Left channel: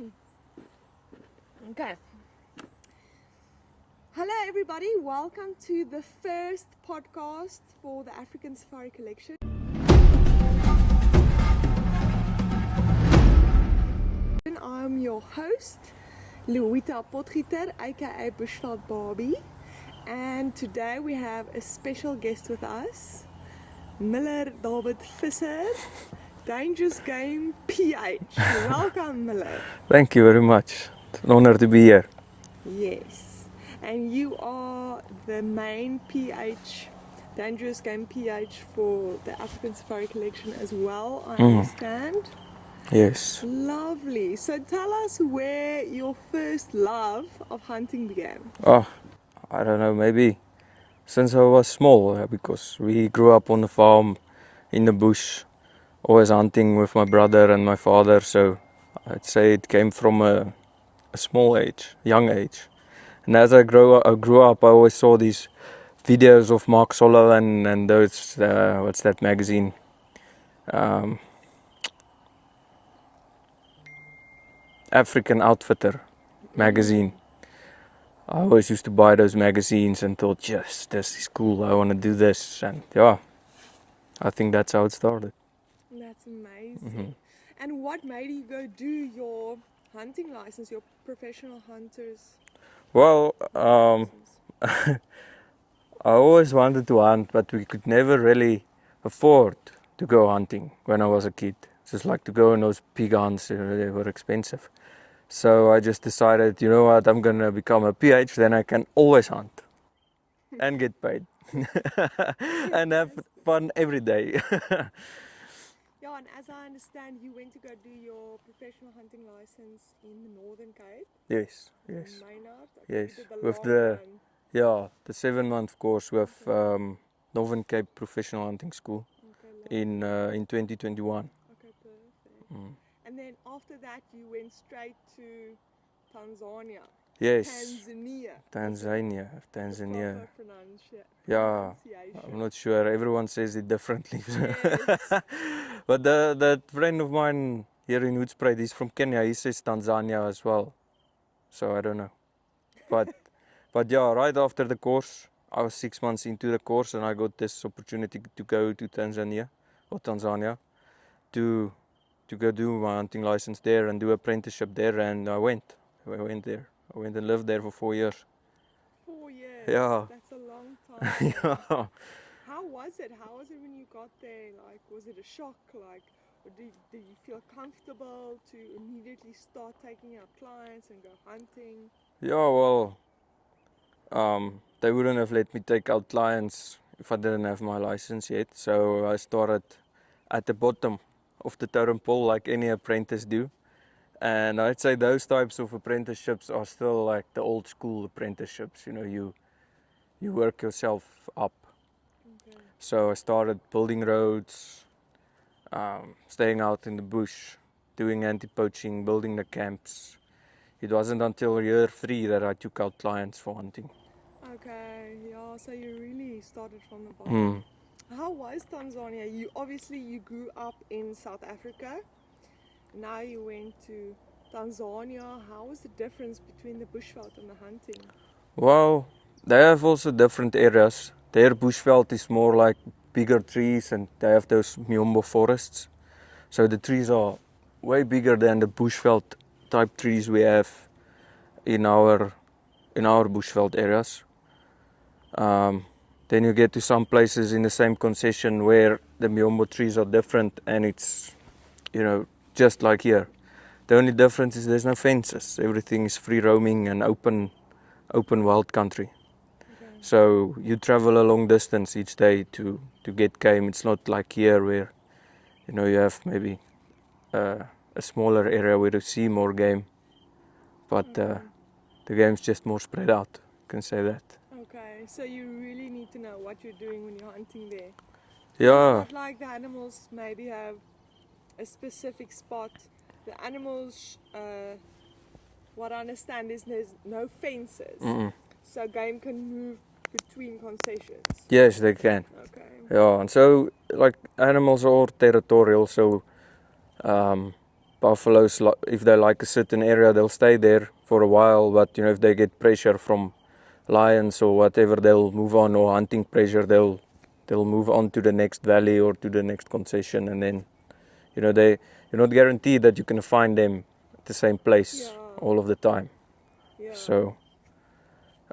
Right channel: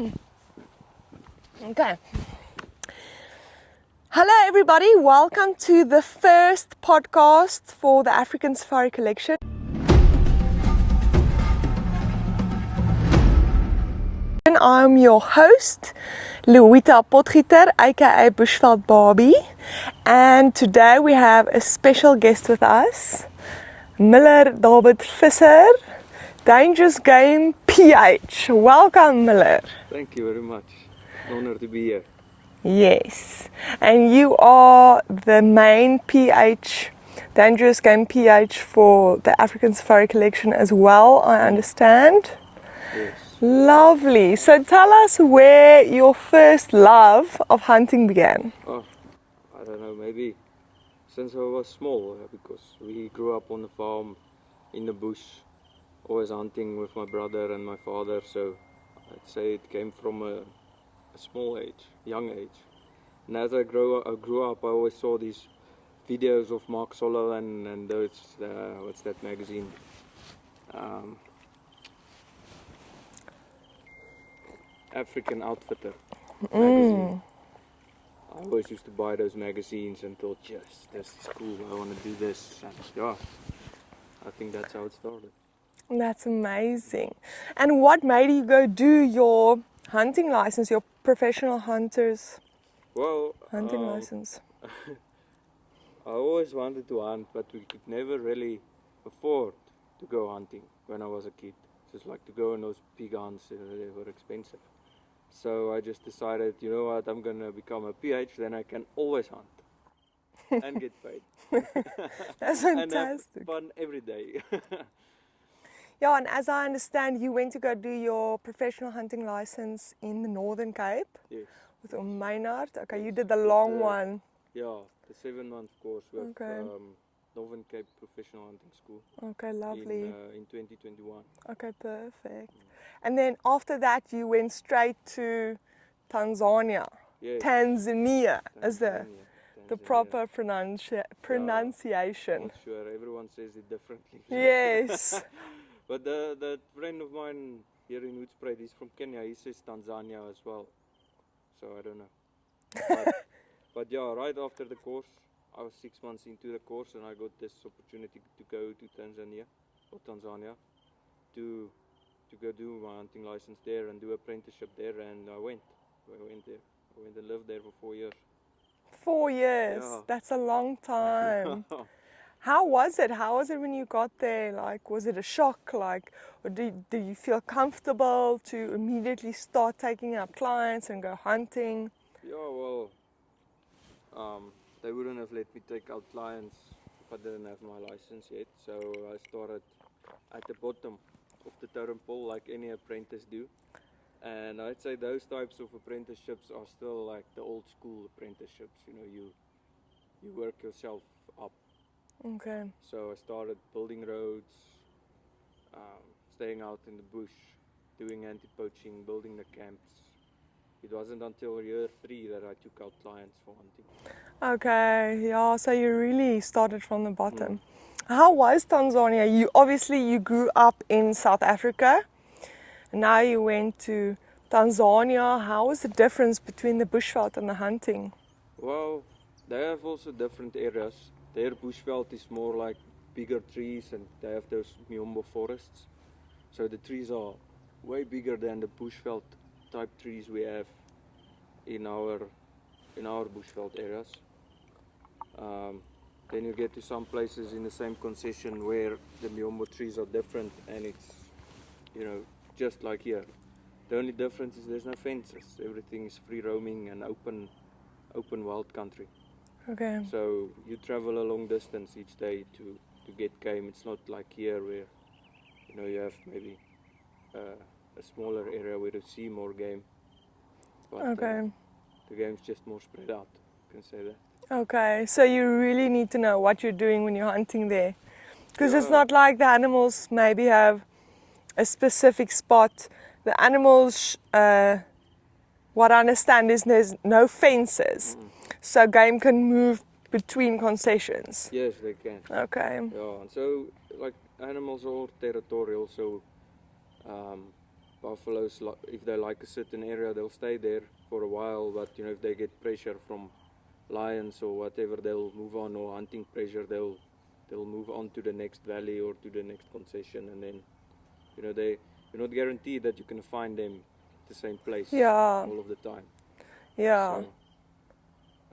Okay. Hello everybody, welcome to the first podcast for the African Safari Collection. I'm your host, Louita Potgieter, aka Bushveld Barbie, and today we have a special guest with us, Muller Visser, Dangerous Game PH. Welcome, Muller. Thank you very much. It's an honor to be here. Yes, and you are the main PH, Dangerous Game PH for the African Safari Collection as well, I understand. Yes. Lovely. So tell us where your first love of hunting began. Oh, I don't know, maybe since I was small, because we grew up on the farm in the bush, always hunting with my brother and my father, so I'd say it came from a small age, young age. And as I grew up, I always saw these videos of Mark Solo and those, what's that magazine? African Outfitter magazine. I always used to buy those magazines and thought, yes, this is cool, I want to do this. And yeah, I think that's how it started. That's amazing. And what made you go do your hunting license, your professional hunter's Well, hunting license? I always wanted to hunt, but we could never really afford to go hunting when I was a kid. Just like to go on those big hunts, they were expensive. So I just decided, you know what, I'm going to become a PH, then I can always hunt and get paid. And have fun every day. Yeah, and as I understand, you went to go do your professional hunting license in the Northern Cape. Yes. With your Maynard. Okay, Yes. you did the With long one. Yeah, the 7-month course with Okay. Northern Cape Professional Hunting School. Okay, lovely. In 2021. Okay, perfect. And then after that, you went straight to Tanzania. Yes. Tanzania. Tanzania. The proper pronunciation. Yeah, I'm not sure. Everyone says it differently. Yes. But that friend of mine here in Hoedspruit, he's from Kenya. He says Tanzania as well. So I don't know. But yeah, right after the course, I was 6 months into the course and I got this opportunity to go to Tanzania to go do my hunting license there and do apprenticeship there, and I went there. I went and lived there for 4 years. 4 years? Yeah. That's a long time. Yeah. How was it? How was it when you got there? Like, was it a shock? Like, or did you feel comfortable to immediately start taking up clients and go hunting? Yeah, well, they wouldn't have let me take out clients if I didn't have my license yet. So I started at the bottom of the totem pole like any apprentice do. And I'd say those types of apprenticeships are still like the old school apprenticeships. You know, you work yourself up. Okay. So I started building roads, staying out in the bush, doing anti-poaching, building the camps. It wasn't until year 3 that I took out clients for hunting. Okay, yeah, so you really started from the bottom. How was Tanzania? You grew up in South Africa. Now you went to Tanzania. How was the difference between the bushveld and the hunting? Well, they have also different areas. Their bushveld is more like bigger trees and they have those miombo forests. So the trees are way bigger than the bushveld type trees we have in our bushveld areas. Then you get to some places in the same concession where the miombo trees are different and it's, you know, just like here. The only difference is there's no fences. Everything is free roaming and open wild country. Okay. So you travel a long distance each day to get game. It's not like here where, you know, you have maybe a smaller area where you see more game. But the game's just more spread out, you can say that. Okay, so you really need to know what you're doing when you're hunting there. Because it's not like the animals maybe have a specific spot. The animals, what I understand is there's no fences. So game can move between concessions. Yes, they can. Okay. Yeah, and so like animals are all territorial, so buffaloes, if they like a certain area, they'll stay there for a while. But you know, if they get pressure from lions or whatever, they'll move on, or hunting pressure, they'll move on to the next valley or to the next concession, and then you know you're not guaranteed that you can find them at the same place all of the time. Yeah. So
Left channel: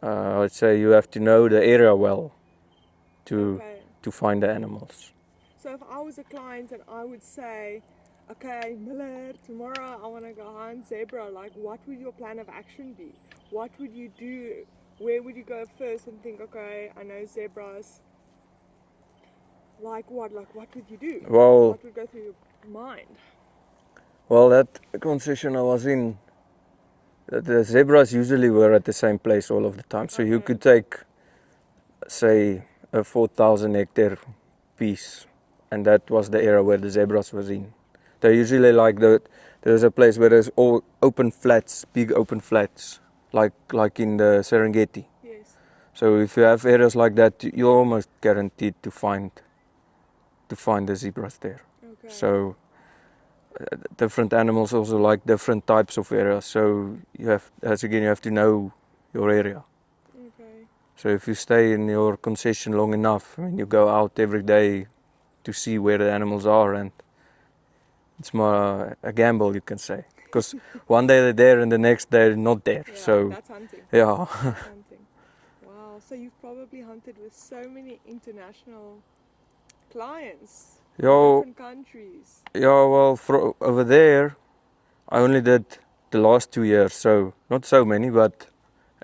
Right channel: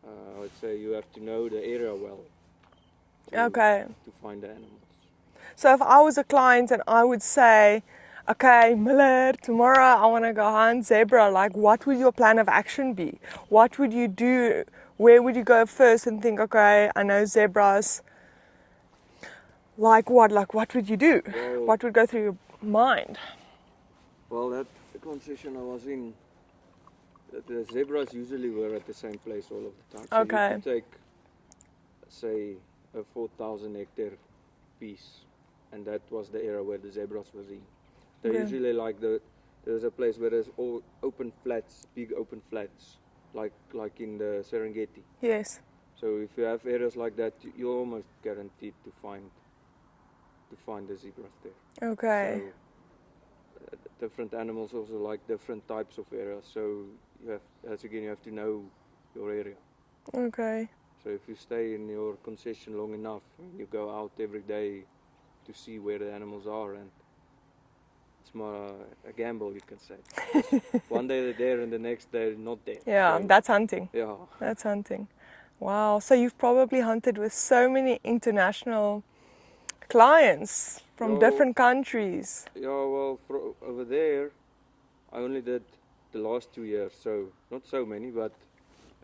I'd say you have to know the area well to find the animals. So if I was a client and I would say, okay, Muller, tomorrow I want to go hunt zebra, like what would your plan of action be? What would you do? Where would you go first and think, okay, I know zebras. Like what? Like what would you do? Well, what would go through your mind? Well, that concession I was in, the zebras usually were at the same place all of the time. So you could take, say, a 4,000 hectare piece, and that was the area where the zebras was in. They usually like there's a place where there's all open flats, big open flats, like in the Serengeti. Yes. So if you have areas like that, you're almost guaranteed to find the zebras there. Okay. So different animals also like different types of areas. So you have to know your area. Okay. So if you stay in your concession long enough, I mean, you go out every day to see where the animals are, and it's more a gamble, you can say, because one day they're there and the next day they're not there. Yeah, so that's hunting. Yeah. That's hunting. Wow. So you've probably hunted with so many international clients from different countries. Yeah, well, over there, I only did the last 2 years, so not so many, but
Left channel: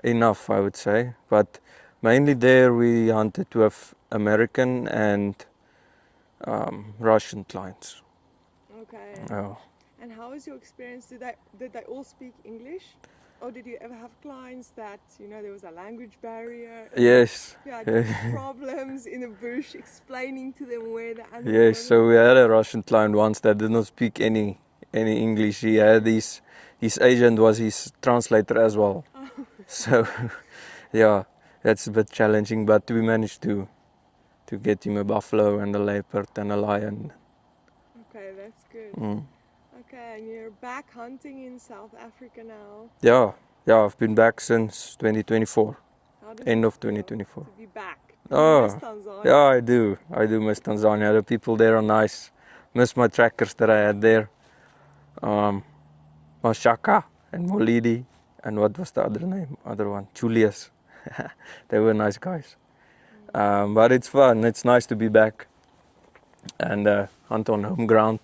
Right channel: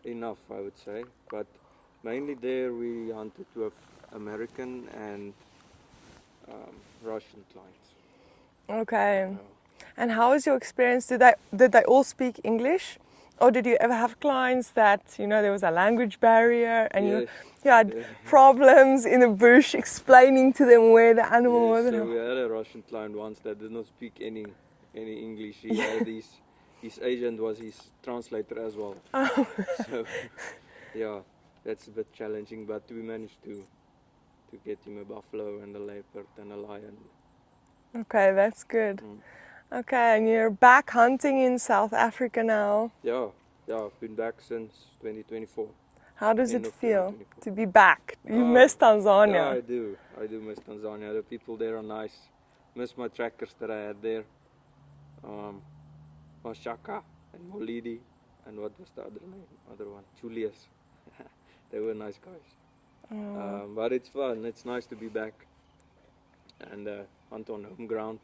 enough, I would say. But mainly there we hunted with American and Russian clients. Okay. Oh. And how was your experience? Did they all speak English? Or did you ever have clients that, there was a language barrier and Yes. you had problems in the bush explaining to them where the animal was? Yes, so we had a Russian client once that did not speak any English. He had his agent was his translator as well. Oh. So yeah, that's a bit challenging, but we managed to get him a buffalo and a leopard and a lion. Okay, that's good. Okay, and you're back hunting in South Africa now. Yeah, I've been back since 2024. How does End it of feel 2024. to be back? You miss Tanzania? Yeah, I do miss Tanzania. The people there are nice. Miss my trackers that I had there. Mashaka and Molidi, and what was the other one? Julius. They were nice guys. But it's fun. It's nice to be back and hunt on home ground.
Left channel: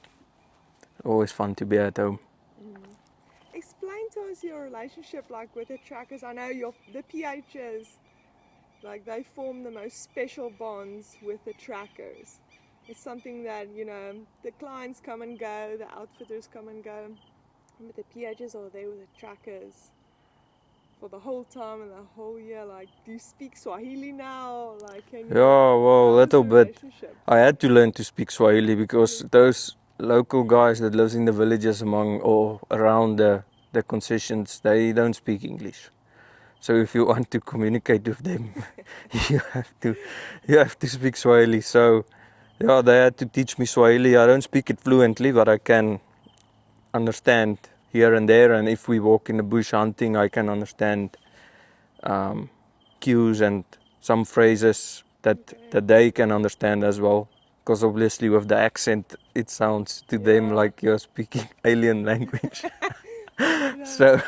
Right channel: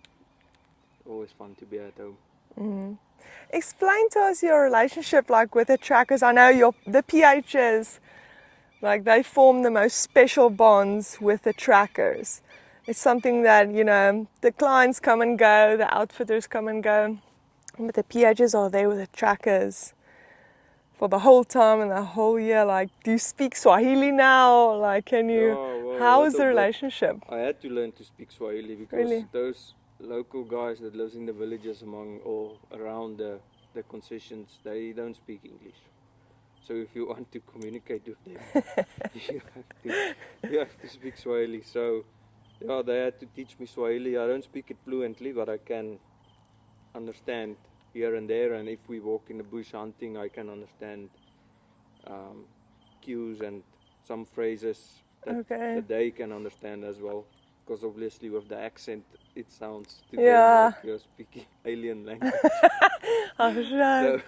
Always fun to be at home. Explain to us your relationship with the trackers. I know the PHs, they form the most special bonds with the trackers. It's something that, the clients come and go, the outfitters come and go, but the PHs are there with the trackers for the whole time and the whole year. Do you speak Swahili now? Can you? Yeah, well, how is the bit. relationship? I had to learn to speak Swahili because Really? those local guys that lives in the villages around the concessions, they don't speak English. So if you want to communicate with them, you have to speak Swahili. So yeah, they had to teach me Swahili. I don't speak it fluently, but I can understand here and there. And if we walk in the bush hunting, I can understand cues and some phrases that they can understand as well. Because obviously with the accent, it sounds to them like you're speaking alien language. So,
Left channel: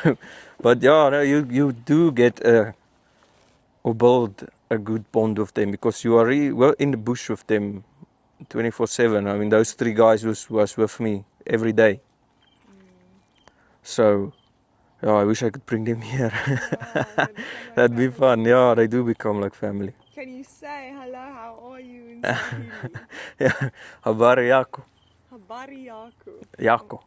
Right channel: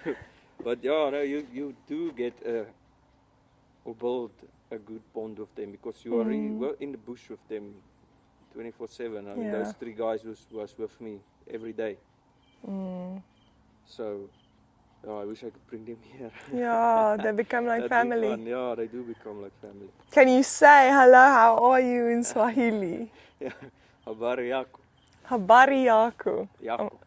but yeah, you do get or build a good bond with them because you are really in the bush with them 24/7. I mean, those 3 guys was with me every day. So, yeah, I wish I could bring them here. Yeah, they become like That'd family. That'd be fun. Yeah, they do become like family. Can you say hello, how are you in Swahili? Yeah, habari yako. Habari yako. Yako.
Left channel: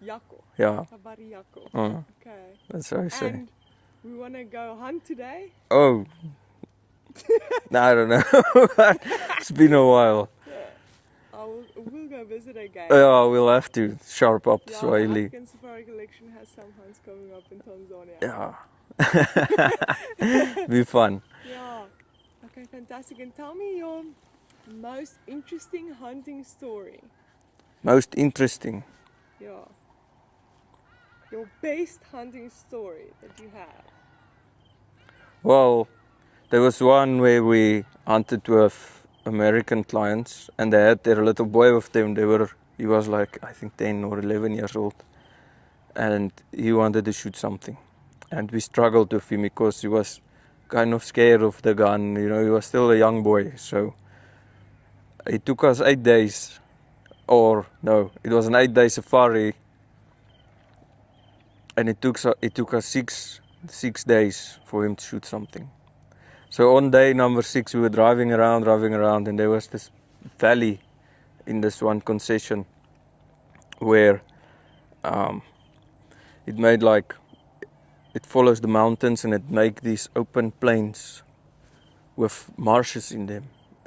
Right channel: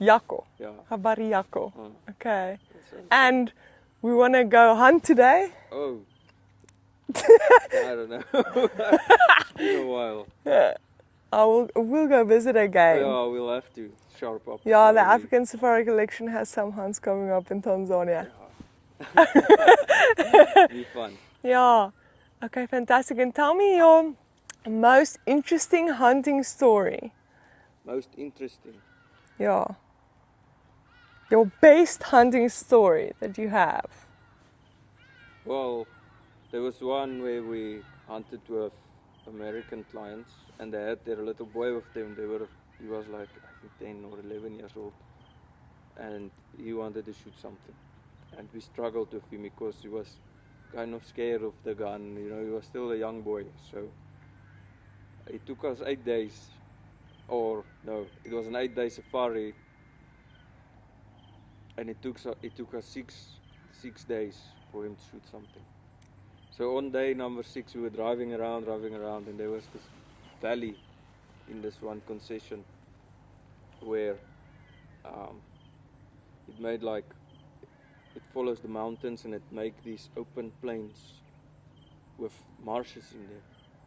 Yako. Yeah. Habari yako. Okay. That's what I say. And we want to go hunt today? Oh. I don't know. It's been a while. Yeah. We'll go visit again. Yeah, we'll have to sharp up Yeah, Swahili. the African Safari Collection has some hunts coming up in Tanzania. Yeah. Be fun. Yeah. Okay, fantastic. And tell me your most interesting hunting story. Most interesting? Yeah. Your best hunting story that you have? Well, there was one where we hunted with American clients, and they had their little boy with them. He was like, I think 10 or 11 years old, and he wanted to shoot something. And we struggled with him because he was kind of scared of the gun. You know, he was still a young boy. So it took us 8 days, or no, it was an 8-day safari, and it took us six days for him to shoot something. So on day number 6, we were driving around, and there was this valley in this one concession where it made like, it follows the mountains and it make these open plains with marshes in them.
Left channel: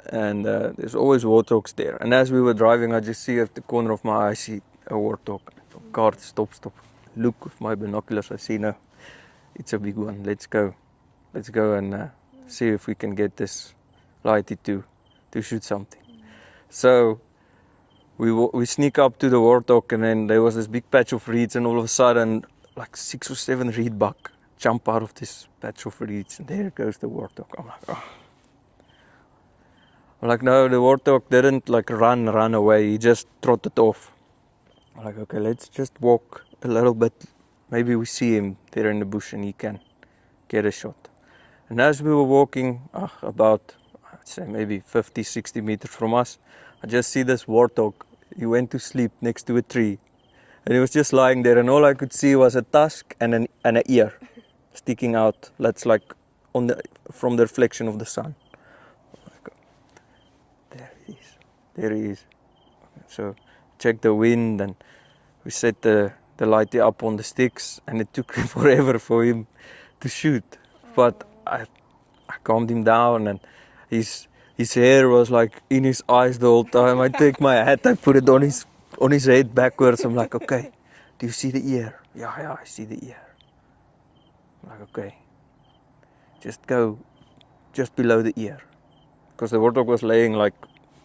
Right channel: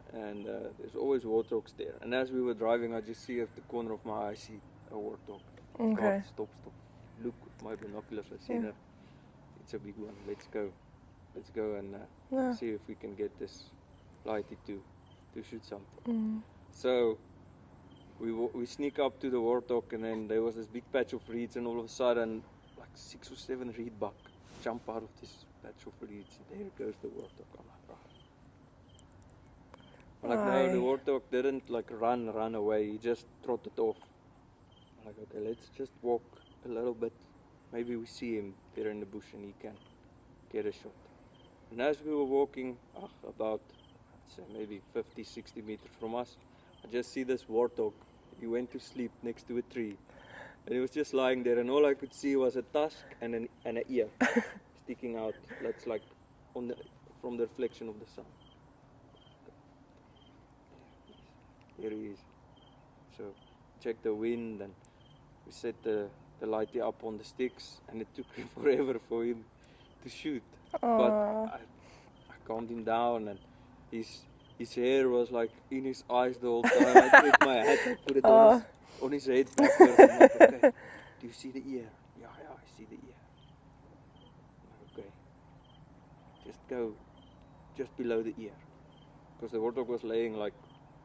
And there's always warthogs there. And as we were driving, I just see at the corner of my eye, I see a warthog. Okay. Car, stop. Look with my binoculars, I see, no, it's a big one, let's go and see if we can get this lighty to shoot something. So we sneak up to the warthog, and then there was this big patch of reeds, and all of a sudden like 6 or 7 reed buck jump out of this patch of reeds, and there goes the warthog. I'm like, oh. I'm like, no, the warthog didn't like run away, he just trotted off. I'm like, okay, let's just walk a little bit, maybe we see him there in the bush and he can get a shot. And as we were walking about, I'd say maybe 50-60 meters from us, I just see this warthog. He went to sleep next to a tree, and he was just lying there, and all I could see was a tusk and an ear sticking out. That's like from the reflection of the sun. There he is. So check the wind, and we set the lighty up on the sticks, and it took forever for him to shoot. Aww. But I calmed him down, and his hair was like in his eyes the whole time. I take my hat, I put it on his head backwards. I'm like, okay, do you see the ear? Yeah, I see the ear. I'm like, okay, just go just below the ear, because the warthog was laying like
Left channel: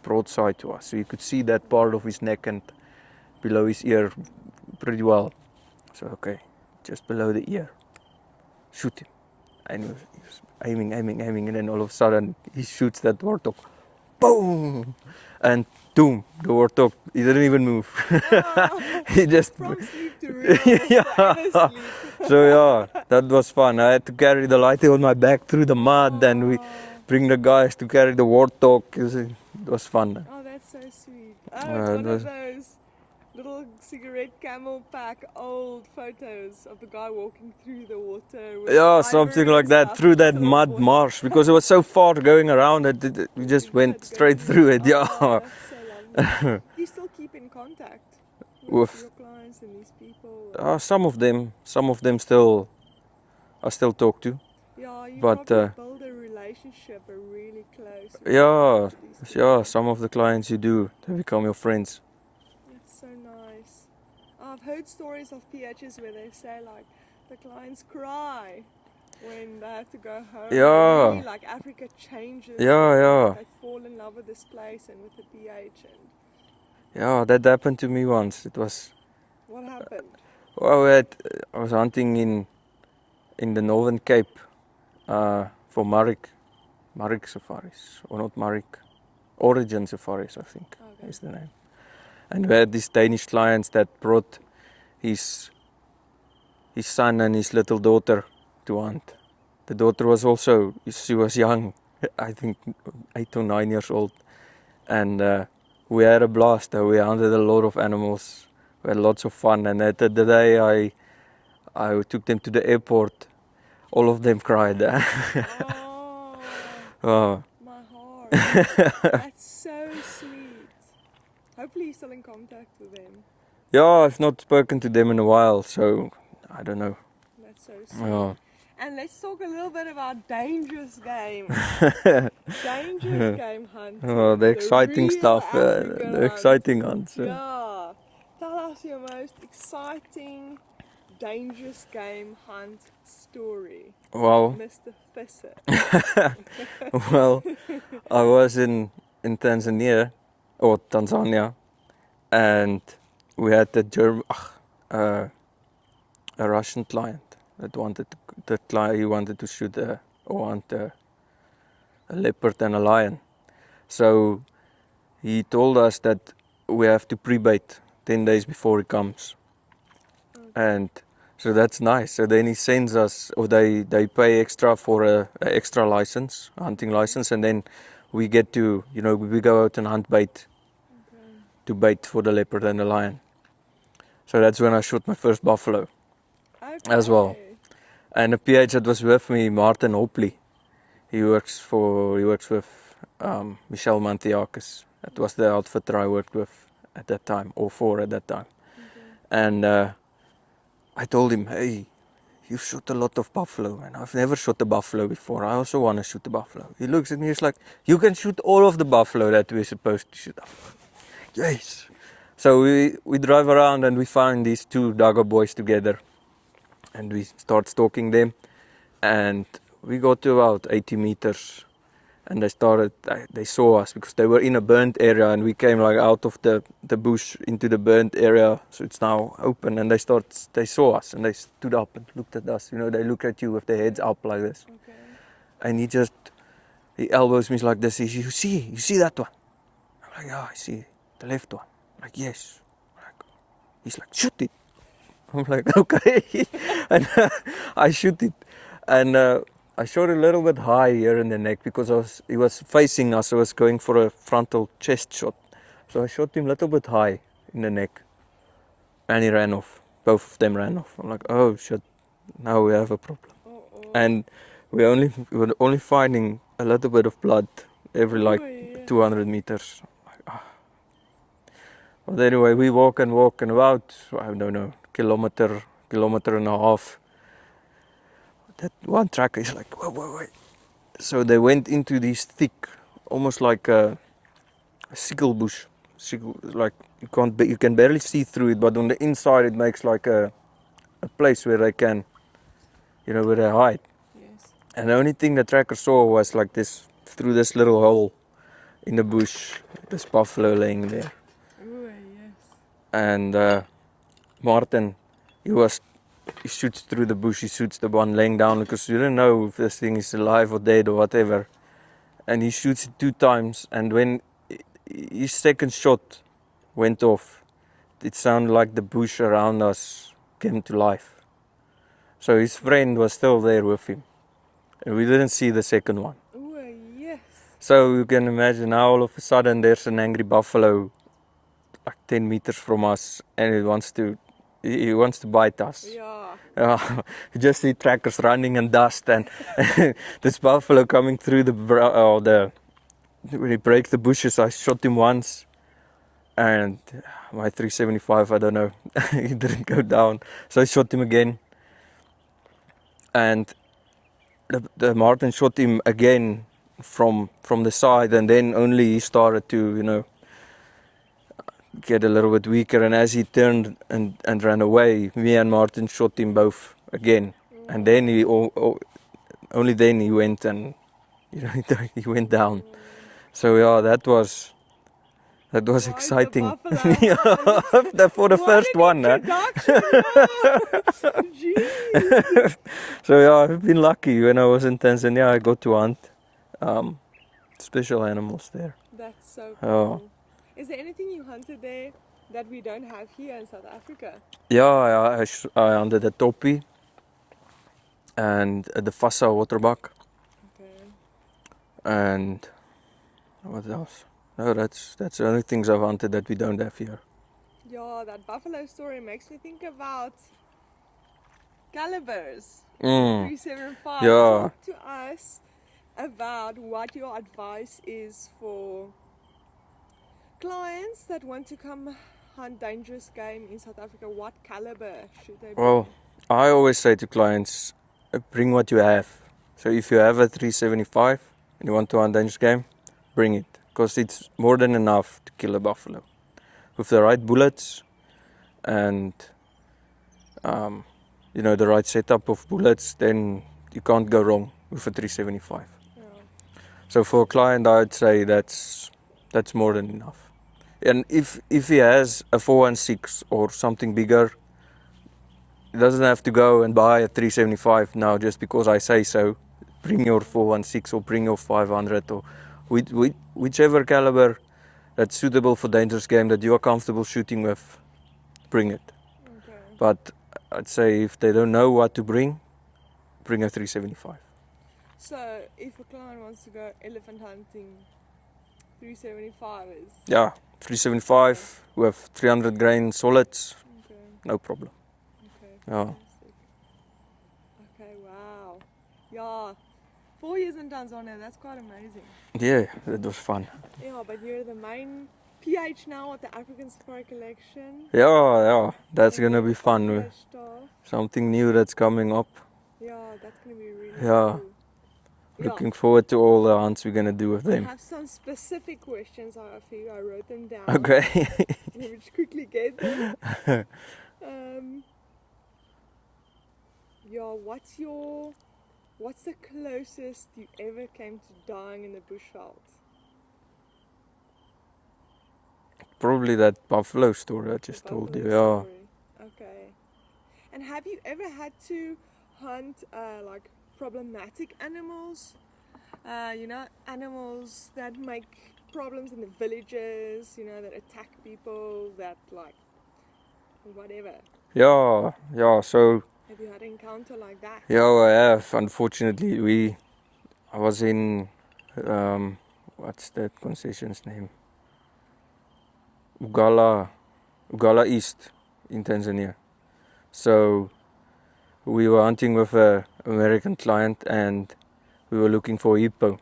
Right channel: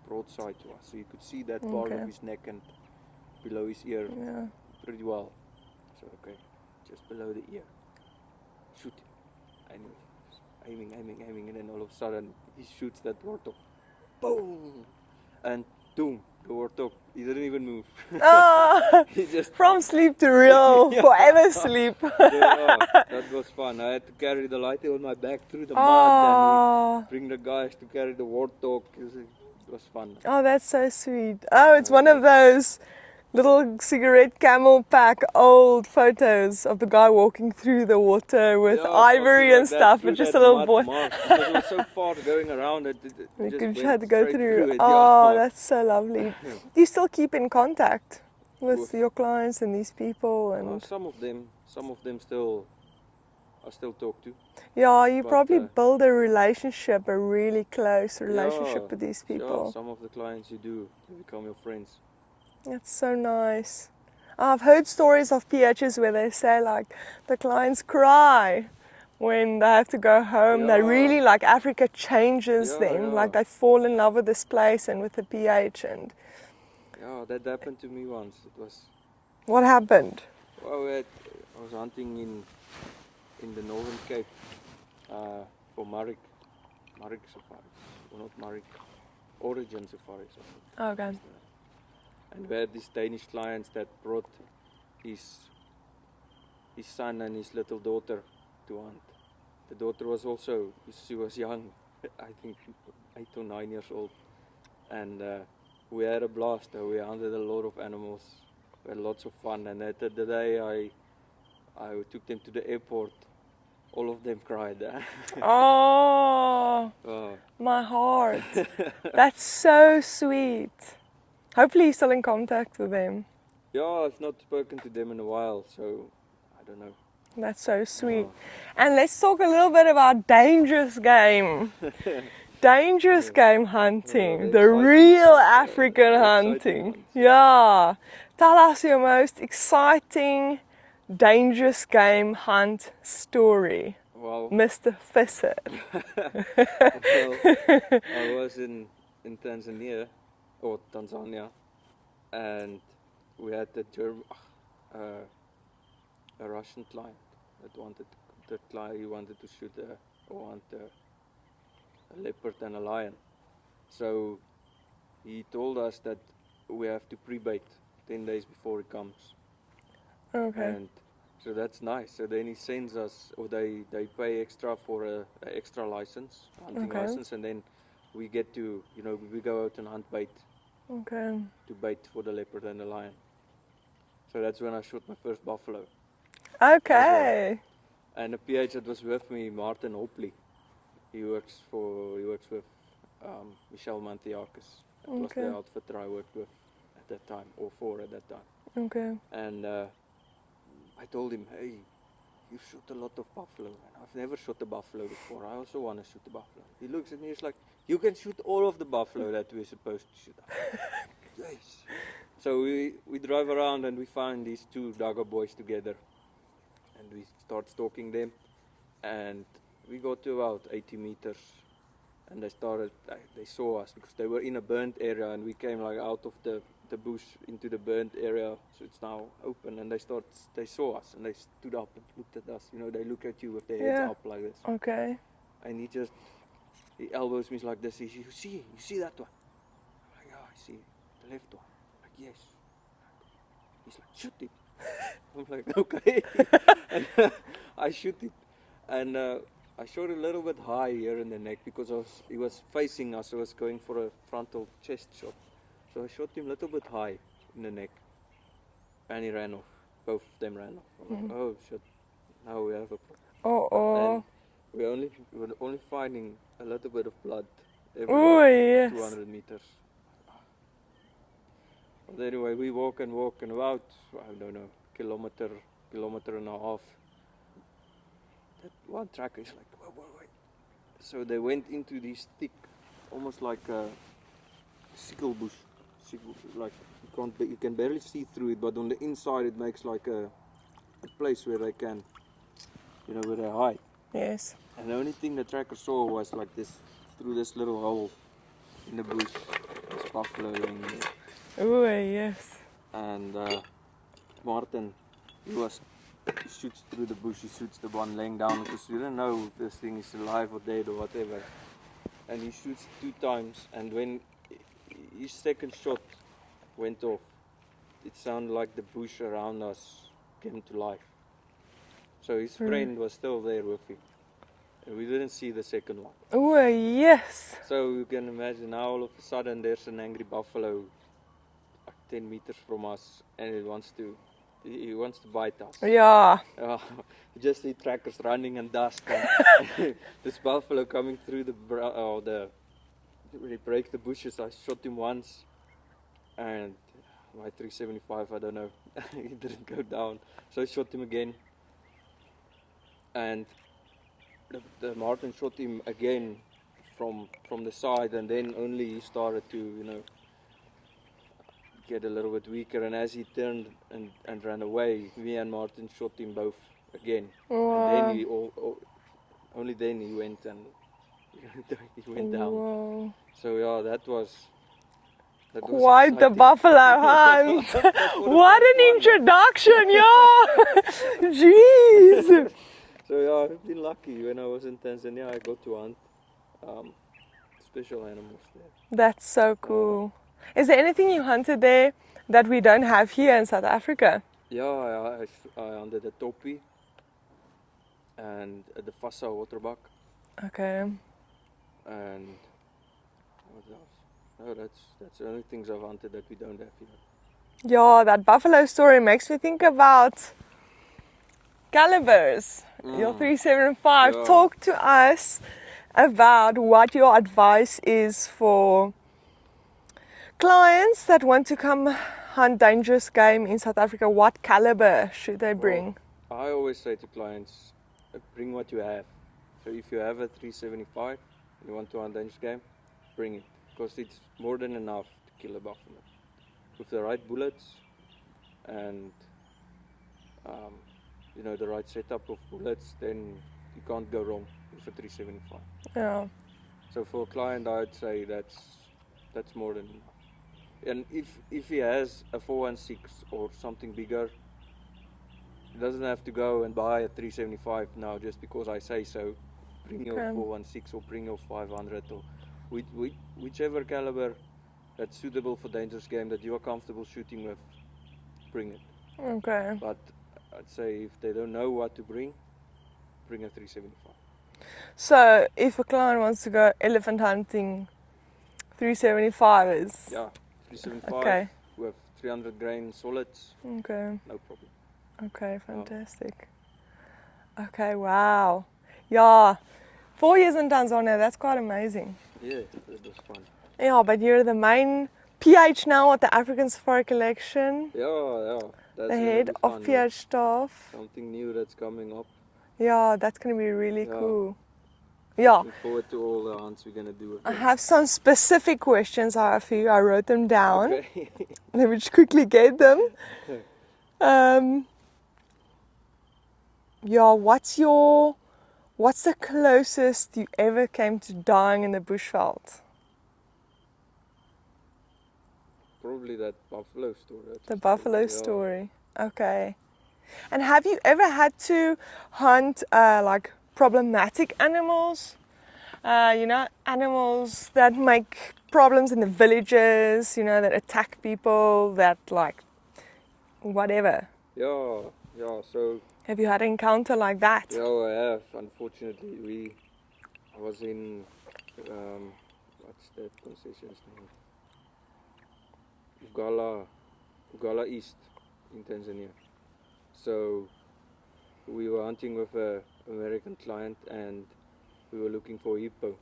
broadside to us, so you could see that part of his neck and below his ear pretty well. So okay, just below the ear, shoot him. And he was aiming, and then all of a sudden he shoots that warthog, boom, and boom, the warthog, he didn't even move. He just from sleep to real, forever sleep. So yeah, that was fun. I had to carry the lighty on my back through the mud, and we bring the guys to carry the warthog. It was fun. Oh, that's so sweet. Oh, it's one of those little cigarette camel pack old photos of the guy walking through the water with ivory something like and that, stuff, through that mud marsh, because it was so far going around that we just went straight through it. Oh, that's so lovely. Do you still keep in contact with your clients and these people? Some of them still I still talk to. Yeah, you probably build a relationship, a really close relationship with these people. Yeah, some of the clients you do, they become your friends. That's so nice. I've heard stories of PHs where they say like the clients cry when they have to go home. They really like Africa changes them. Like they fall in love with this place and with the PH. And yeah, that happened to me once. It was. What happened? Well, I was hunting in the Northern Cape for Marek safaris, or not Marek, Origin safaris, I think. Okay. Is the name. And we had these Danish clients that brought his son and his little daughter to hunt. The daughter was also, she was young, I think 8 or 9 years old. And we had a blast. We hunted a lot of animals. We had lots of fun. And at the day I took them to the airport, all of them cried. Oh, my heart. That's so sweet. Hopefully you're still in contact with them. Yeah, I've not spoken to them in a while, so I don't know. That's so sweet. And let's talk a little bit about dangerous game. Dangerous game hunting. The real stuff, African hunting. Exciting hunts. Yeah. Tell us your most exciting dangerous game hunt story. Well, Mr. Visser. Well, I was in Tanzania, and we had the a Russian client that he wanted to shoot or hunt a leopard and a lion. So he told us that we have to pre-bait 10 days before he comes. Okay. And so that's nice. So then he sends us, or they pay extra for a extra license, a hunting license, and then we get to, we go out and hunt bait to bait for the leopard and the lion. So that's when I shot my first buffalo as well. And the PH that was with me, Martin Hopley, he works with Michelle Mantiakis. That was the outfitter I worked with at that time, or for at that time. Okay. And I told him, hey, you've shot a lot of buffalo, and I've never shot a buffalo before. I also want to shoot a buffalo. He looks at me, he's like, you can shoot all of the buffalo that we're supposed to shoot. Yes. So we drive around and we find these two Dago boys together, and we start stalking them, and we got to about 80 meters, and they saw us because they were in a burnt area, and we came like out of the bush into the burnt area, so it's now open, and they saw us, and they stood up and looked at us. They look at you with their heads up like this. Okay. And he elbows me like this. You see that one? I'm like, yeah, I see the left one. I'm like, yes. He's like, shoot it. I'm like, okay. And I shoot it, and I shot a little bit high here in the neck because he was facing us. I was going for a frontal chest shot. So I shot him a little bit high in the neck, and he ran off. Both of them ran off. I'm like, oh shit, now we have a problem. And we were only finding a little bit of blood every 200 meters. But anyway, we walk and about, I don't know, kilometer and a half. That one tracker is like, wait. So they went into this thick, almost like a sickle bush. Like you can barely see through it, but on the inside it makes like a place where they can, where they hide. Yes. And the only thing the tracker saw was like this, through this little hole in the bush, this buffalo laying there. Oh yes. And Martin, he shoots through the bush, he shoots the one laying down because you don't know if this thing is alive or dead or whatever. And he shoots it 2 times, and when his second shot went off, it sounded like the bush around us came to life. So his friend was still there with him, and we didn't see the second one. Oh yes. So you can imagine how all of a sudden there's an angry buffalo like 10 meters from us, and he wants to bite us. Yeah. You just see trackers running and dust, and this buffalo coming through when he breaks the bushes. I shot him once, and my 375, I don't know, he didn't go down. So I shot him again, and the Martin shot him again from the side, and then only he started to, get a little bit weaker, and as he turned and ran away, me and Martin shot him both again. And then only then he went and he went down. So yeah, that was Quite exciting. The buffalo hunt. For the what first an one, introduction, yeah. Jeez. So yeah, I've been lucky. When I was in Tanzania, I got to hunt special animals there. That's so cool. Is there anything you hunted there that we don't have here in South Africa? Yeah, I hunted a topi and the Fassa waterbuck. Okay. And what else? No, that's the only things I've hunted that we don't have here. Yeah, that buffalo story makes me think about calibers. Your 375. Yeah. Talk to us about what your advice is for clients that want to come hunt dangerous game in South Africa. What caliber should they bring? Well, I always say to clients, bring what you have. So if you have a 375 and you want to hunt dangerous game, bring it, because it's more than enough to kill a buffalo. With the right bullets and the right setup of bullets, then you can't go wrong with a 375. Yeah. So for a client, I'd say that's more than enough. And if he has a 416 or something bigger, he doesn't have to go and buy a 375 now just because I say so. Bring your 416 or bring your 500 or whichever caliber that's suitable for dangerous game that you are comfortable shooting with, bring it. Okay. But I'd say if they don't know what to bring a 375. So if a client wants to go elephant hunting, 375 is... Yeah, 375 with 300 grain solids, no problem. Okay, fantastic. Okay, wow. Yeah, 4 years in Tanzania, that's quite amazing. Yeah, that was fun. Yeah, but you're the main PH now at the African Safari Collection. Yeah, that's going to be fun. PH staff. Something new that's coming up. Yeah, that's going to be really cool. Looking forward to all the hunts we're going to do with them. I have some specific questions I have for you. I wrote them down. Okay. Let me just quickly get them. Yeah, what's the closest you ever came to dying in the bushveld? Probably that buffalo story I just told you. The buffalo story. Okay. And have you ever had to hunt like problematic animals? Animals that make problems in the villages, that attack people, that like whatever. Yeah, so... Have you had an encounter like that? Yeah, I have. Unfortunately, I was in, what's that concession's name? Ugala East in Tanzania. So we were hunting with an American client and we were looking for hippo.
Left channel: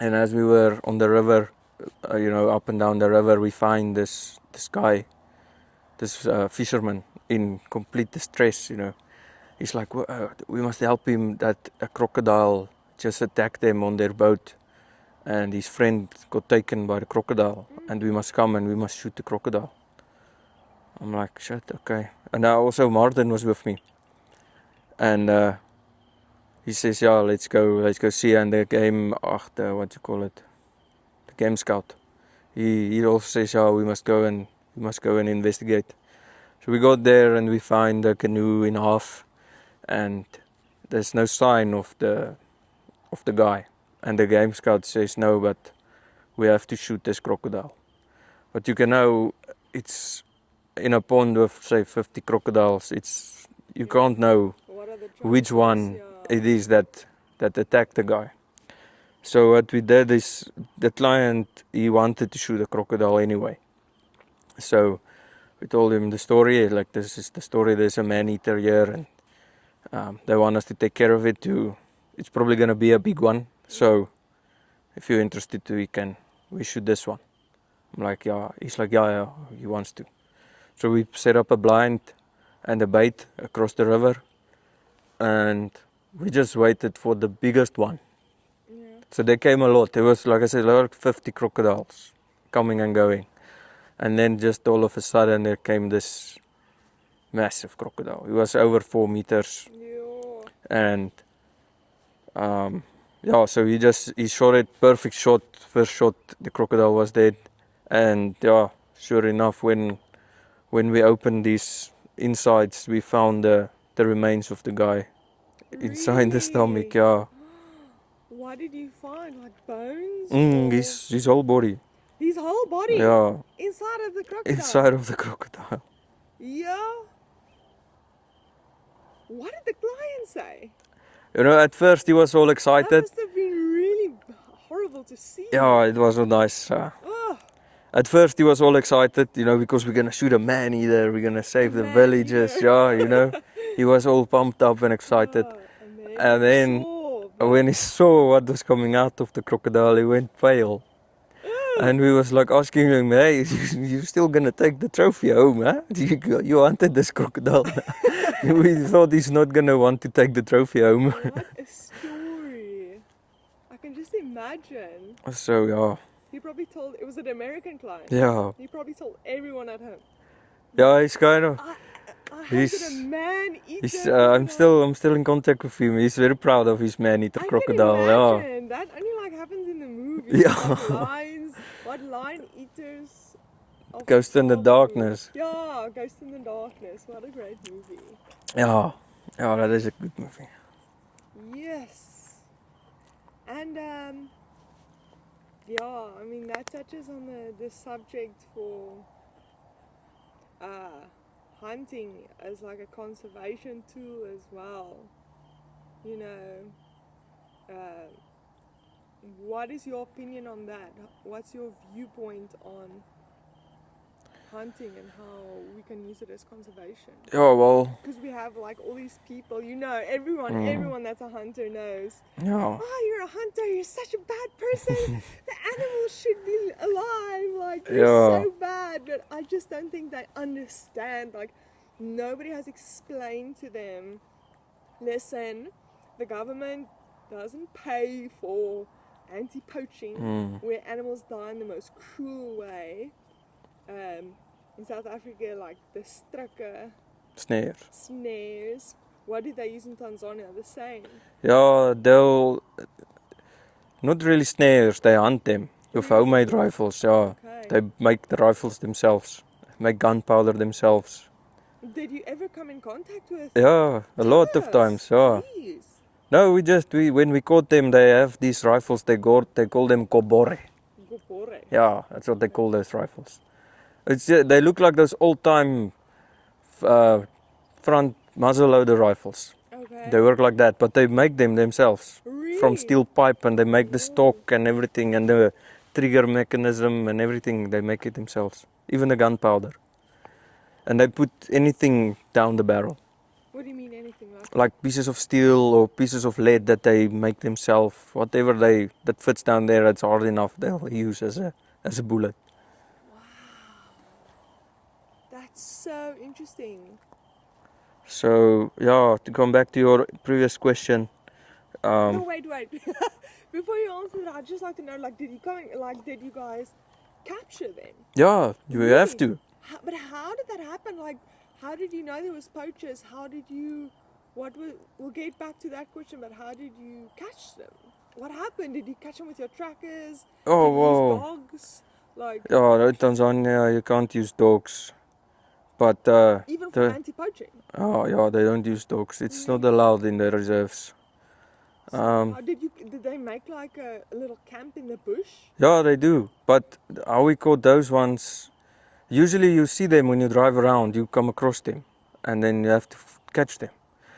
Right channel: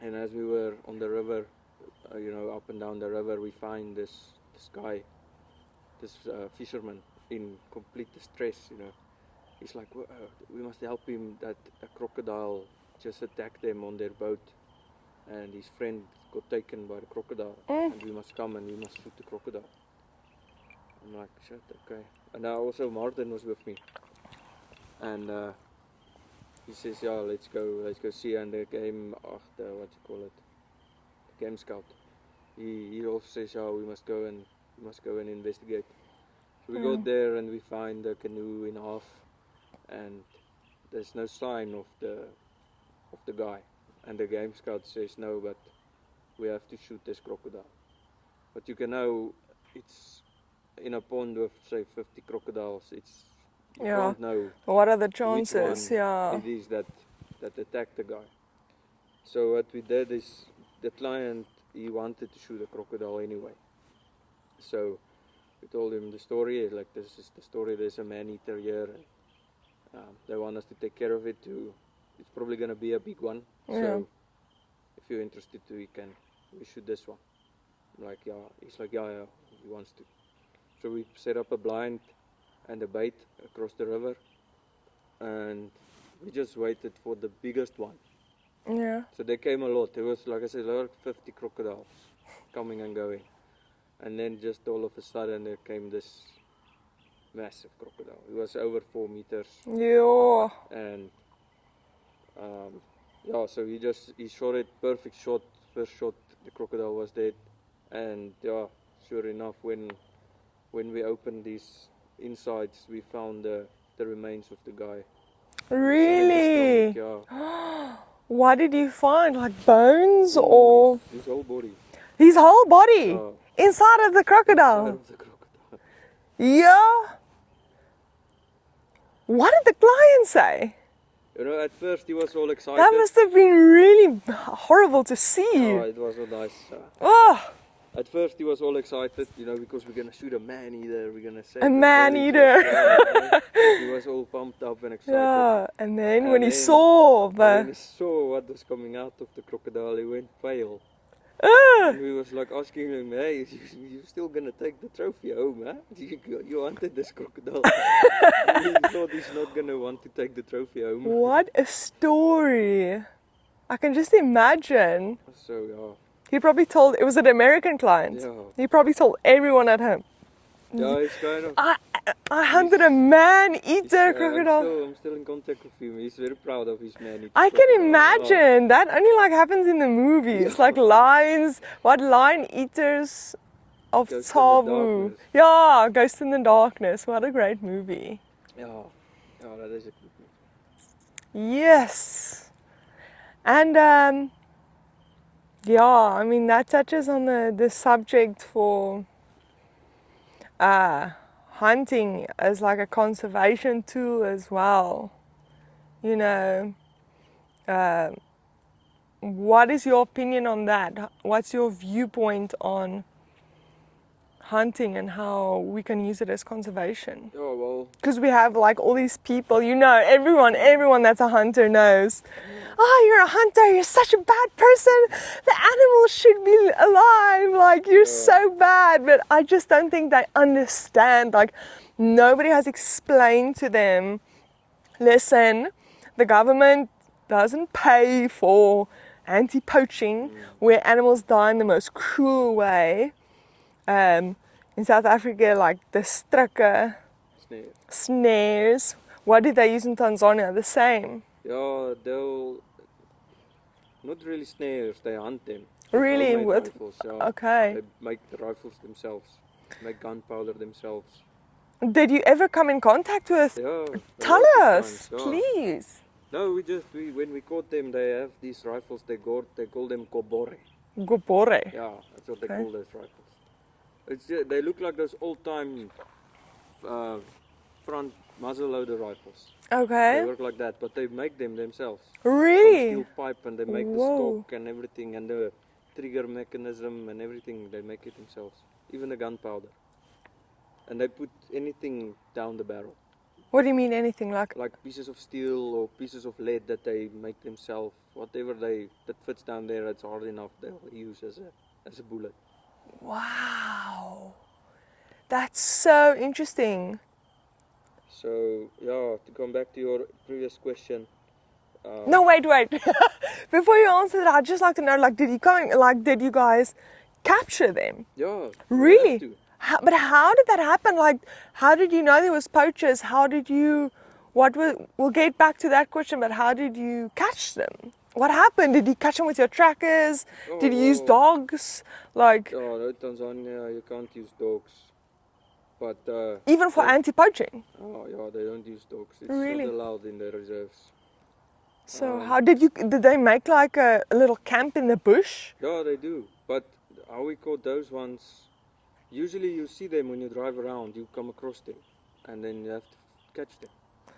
And as we were on the river, up and down the river, we find this guy, this fisherman in complete distress, He's like, we must help him that a crocodile just attacked them on their boat. And his friend got taken by the crocodile. And we must come and we must shoot the crocodile. I'm like, shit, okay. And now also Martin was with me. And he says, yeah, let's go see. And the game, the game scout. He also says, yeah, we must go and investigate. So we got there and we find the canoe in half. And there's no sign of the guy. And the game scout says, no, but we have to shoot this crocodile. But you can know it's in a pond with, say, 50 crocodiles. You can't know what are the chances, which one it is that attacked the guy. So what we did is, the client, he wanted to shoot a crocodile anyway. So we told him the story, like, this is the story, there's a man-eater here, and they want us to take care of it too. It's probably going to be a big one. So if you're interested we shoot this one. I'm like, yeah. He's like, yeah, he wants to. So we set up a blind and a bait across the river. And we just waited for the biggest one. Yeah. So there came a lot. There was, like I said, like 50 crocodiles coming and going. And then just all of a sudden there came this massive crocodile. It was over 4 meters. Yeah. And so he shot it, perfect shot, first shot, the crocodile was dead. And sure enough, when we opened these insides, we found the remains of the guy inside the stomach. Yeah. What did you find? Like bones or his whole body? His whole body? Yeah. Inside of the crocodile? Inside of the crocodile. Yeah. What did the client say? At first he was all excited. That must have been really horrible to see. Yeah, it was so nice. At first he was all excited, because we're going to shoot a man-eater, we're going to save the villagers. Yeah, he was all pumped up and excited. Yeah. And then when he saw what was coming out of the crocodile, he went pale. And we was like asking him, hey, you still going to take the trophy home, huh? You hunted this crocodile. We thought he's not going to want to take the trophy home. What a story. I can just imagine. So, yeah. He probably told, it was an American client. Yeah. He probably told everyone at home. Yeah, he's kind of... I hunted a man-eater crocodile. I'm still in contact with him. He's very proud of his man-eater crocodile. I can imagine. That only happens in the movies. Yeah. It's like lions. What lion-eaters of Ghost in the Darkness. Yeah, Ghost in the Darkness. What a great movie. Yeah, yeah, that is a good movie. Yes. And yeah, I mean that touches on the subject for hunting as like a conservation tool as well. You know, uh, what is your opinion on that? What's your viewpoint on hunting and how we can use it as conservation? Yeah, well, Because we have like all these people, you know, everyone that's a hunter knows. yeah, Oh, you're a hunter, you're such a bad person. The animals should be alive. Like, you're Yeah. so bad. But I just don't think they understand. Like, nobody has explained to them, listen, the government doesn't pay for anti-poaching where animals die in the most cruel way. In South Africa, like the strikke snares. What did they use in Tanzania? The same. Yeah, they'll not really snares. They hunt them with Really? homemade With- rifles. Yeah, Okay. they make the rifles themselves, make gunpowder themselves. Did you ever come in contact with? Yeah, a Tell lot us, of times. Yeah. please. No, when we caught them, they have these rifles. They call them kobore. Gobore. Yeah, that's what they Okay. call those rifles. They look like those old-time front muzzle-loader rifles. Okay. They work like that, but they make them themselves Really? from steel pipe, and they make the Whoa. stock and everything, and the trigger mechanism and everything. They make it themselves, even the gunpowder. And they put anything down the barrel, What do you mean anything like pieces of steel or pieces of lead that they make themselves. Whatever that fits down there, that's hard enough, they'll use as a bullet. Wow. That's so interesting. So yeah, to come back to your previous question. No, wait. Before you answer that, I'd just like to know, like, did you guys capture them? Yeah, you Really? have to. But how did that happen? Like, how did you know there was poachers? We'll get back to that question, but how did you catch them? What happened? Did you catch them with your trackers? Oh, Did you use wow. dogs? Like, Yeah, in Tanzania you can't use dogs. But even for they- anti-poaching? Oh yeah, they don't use dogs. It's not Really? allowed in the reserves. So how did they make like a little camp in the bush? Yeah, they do. But how we caught those ones, usually you see them when you drive around, you come across them, and then you have to catch them.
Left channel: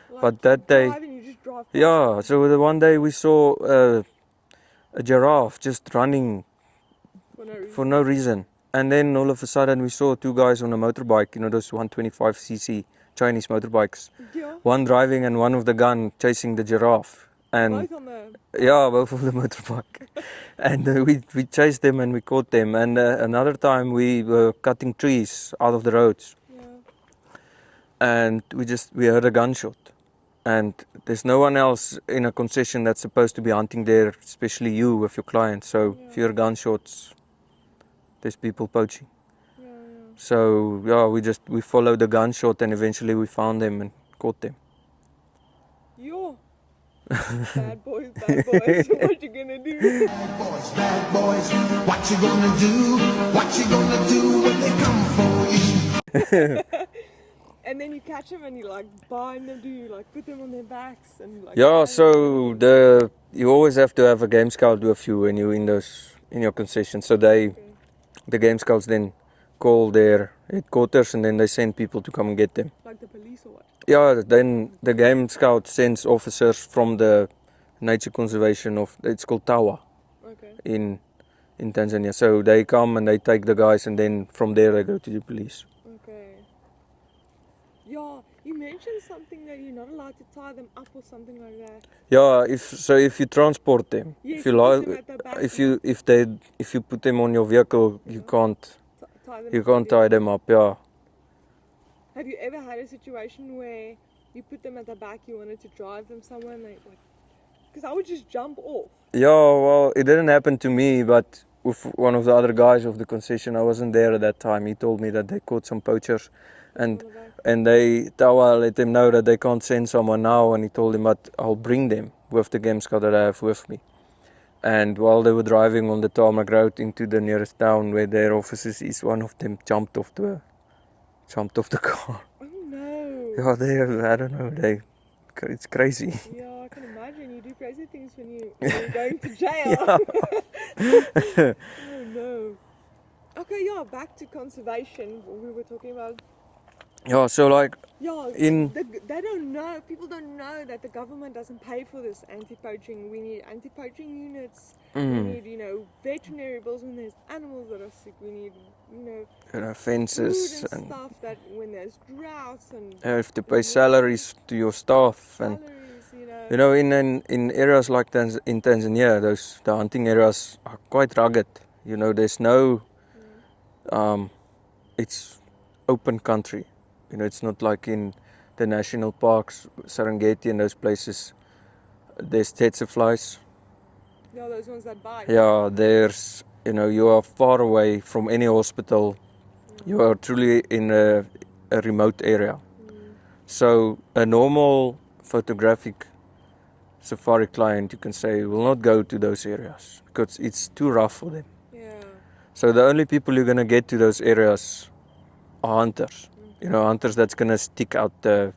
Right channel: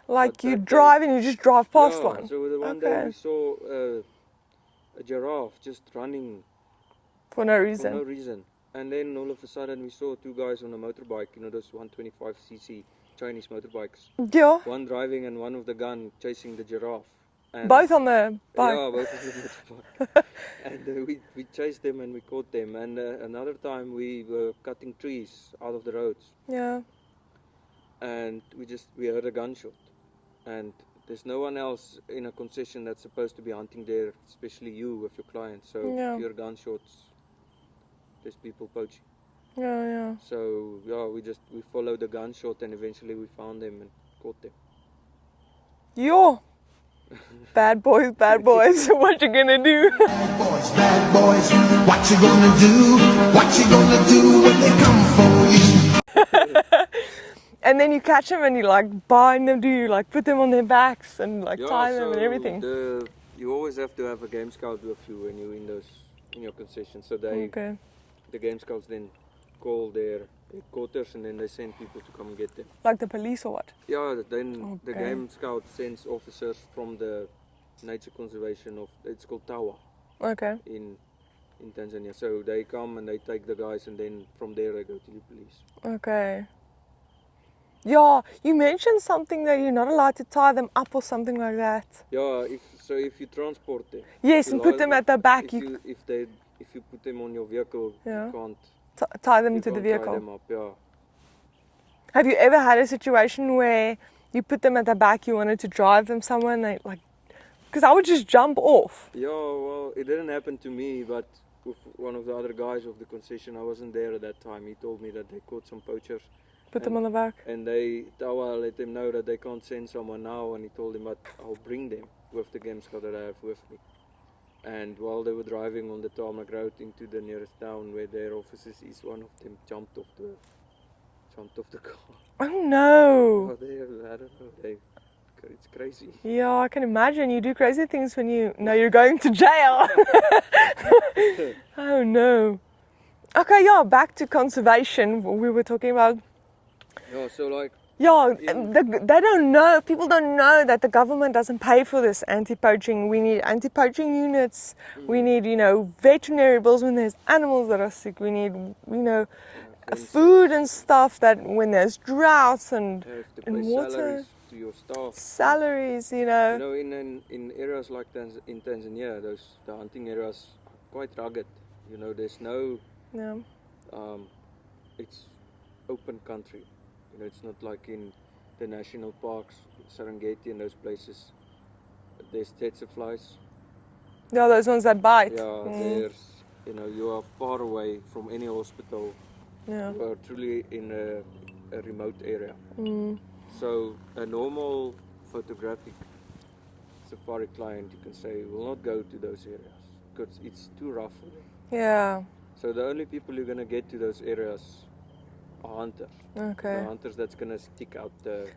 Like But you that day- drive and you just drive past Yeah, one? so the one day Okay. we saw a giraffe just running For no reason? for no reason. And then all of a sudden we saw two guys on a motorbike, those 125cc Chinese motorbikes. Yeah. One driving and one with the gun chasing the giraffe. And Both on the bike. Yeah, both of the motorbike. And we chased them and we caught them. And another time we were cutting trees out of the roads. Yeah. And we heard a gunshot. And there's no one else in a concession that's supposed to be hunting there, especially you with your clients. So Yeah. if you hear gunshots, there's people poaching. Yeah. So yeah, we followed the gunshot and eventually we found them and caught them. Yo. Bad boys. What you gonna do? Bad boys, what you gonna do? What you gonna do when they come for you? And then you catch them and you like bind them. Do you like put them on their backs and like Yeah, tie them and so everything? you always have to have a game scout with you when you're in your concession. So Okay. the game scouts then call their headquarters and then they send people to come and get them. Like the police or what? Yeah, then the Okay. game scout sends officers from the nature conservation it's called TAWA Okay. in Tanzania. So they come and they take the guys and then from there they go to the police. Okay. Yeah, you mentioned something that you're not allowed to tie them up or something like that. Yeah, if you transport them, Yes, if you put them at the back. if you put them on your vehicle, Yeah. you can't Tie them to the tie vehicle. them up. Yeah. Have you ever had a situation where you put them at the back, you wanted to drive them somewhere and they like, because I would just jump off. Yeah, well, it didn't happen to me, but with one of the other guys of the concession, I wasn't there at that time. He told me that they caught some poachers. Put them on the back. And Tawa let them know that they can't send someone now, and he told him, but I'll bring them with the game scout that I have with me. And while they were driving on the tarmac road into the nearest town where their offices is, one of them jumped off the jumped off the car. Oh no. Yeah, I don't know, it's crazy. Yeah, I can imagine you do crazy things when you know you're going to jail. Oh no. Okay, yeah, back to conservation. We were talking about. Yeah, so like, Yeah, In- they don't know. People don't know that the government doesn't pay for this anti-poaching. We need anti-poaching units. We need, veterinary bills when there's animals that are sick. We need, fences. food and stuff that when there's droughts and You have to and pay salaries to your staff. salaries, In areas like in Tanzania, the hunting areas are quite rugged. There's no, Yeah. it's open country. It's not like in the national parks, Serengeti and those places. There's tsetse flies. Yeah, those ones that bite. Yeah, there's, you are far away from any hospital. Yeah. You are truly in a remote area. So a normal photographic safari client, you can say, will not go to those areas because it's too rough for them. Yeah. So the only people you're going to get to those areas are hunters. Okay. Hunters that's going to stick out the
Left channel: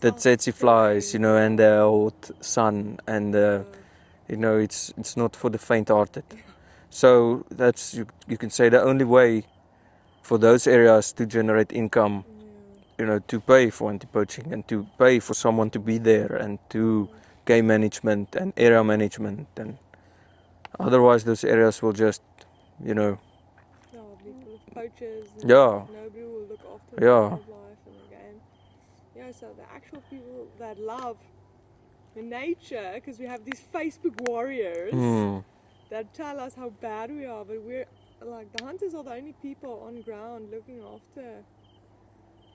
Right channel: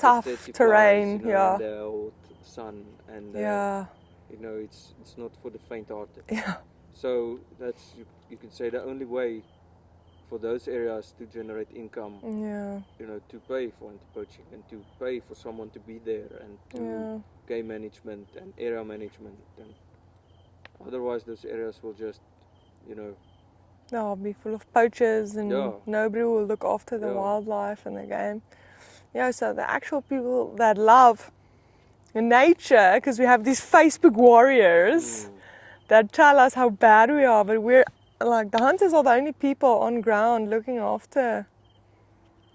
tough tsetse terrain, flies, and the hot sun, and yeah. it's not for the faint-hearted. Yeah. So that's you can say the only way for those areas to generate income, Yeah. to pay for anti-poaching and to pay for someone to be there and to game management and area management, and otherwise those areas will just, They'll be full of poachers and nobody will look after the wildlife and the game. Yeah, so the actual people that love nature, because we have these Facebook warriors that tell us how bad we are, but we're like, the hunters are the only people on ground looking after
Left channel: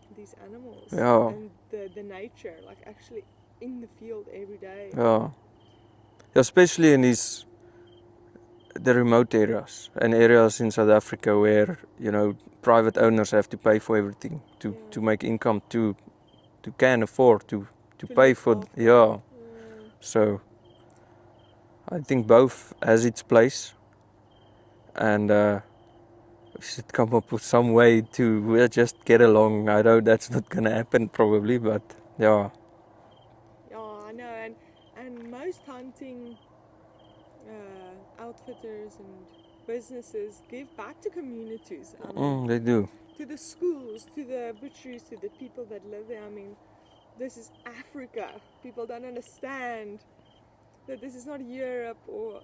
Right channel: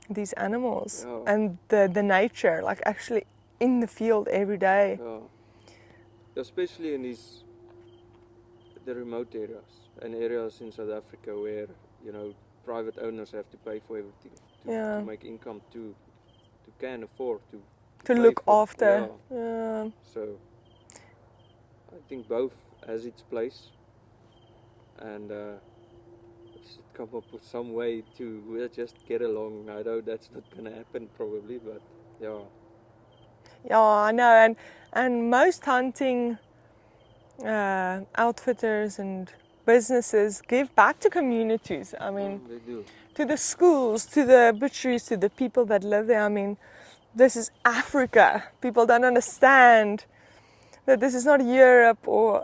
these animals and the nature, like actually in the field every day. Yeah. Especially in the remote areas and areas in South Africa where, private owners have to pay for everything to make income, to can afford to pay look for after. Yeah. So I think both has its place, and we should come up with some way to just get along. I know that's not gonna happen probably, but yeah. Yeah, I know, and most hunting outfitters and businesses give back to communities. I mean, They do. to the schools, to the butcheries, to the people that live there. I mean, this is Africa. People don't understand that this is not Europe or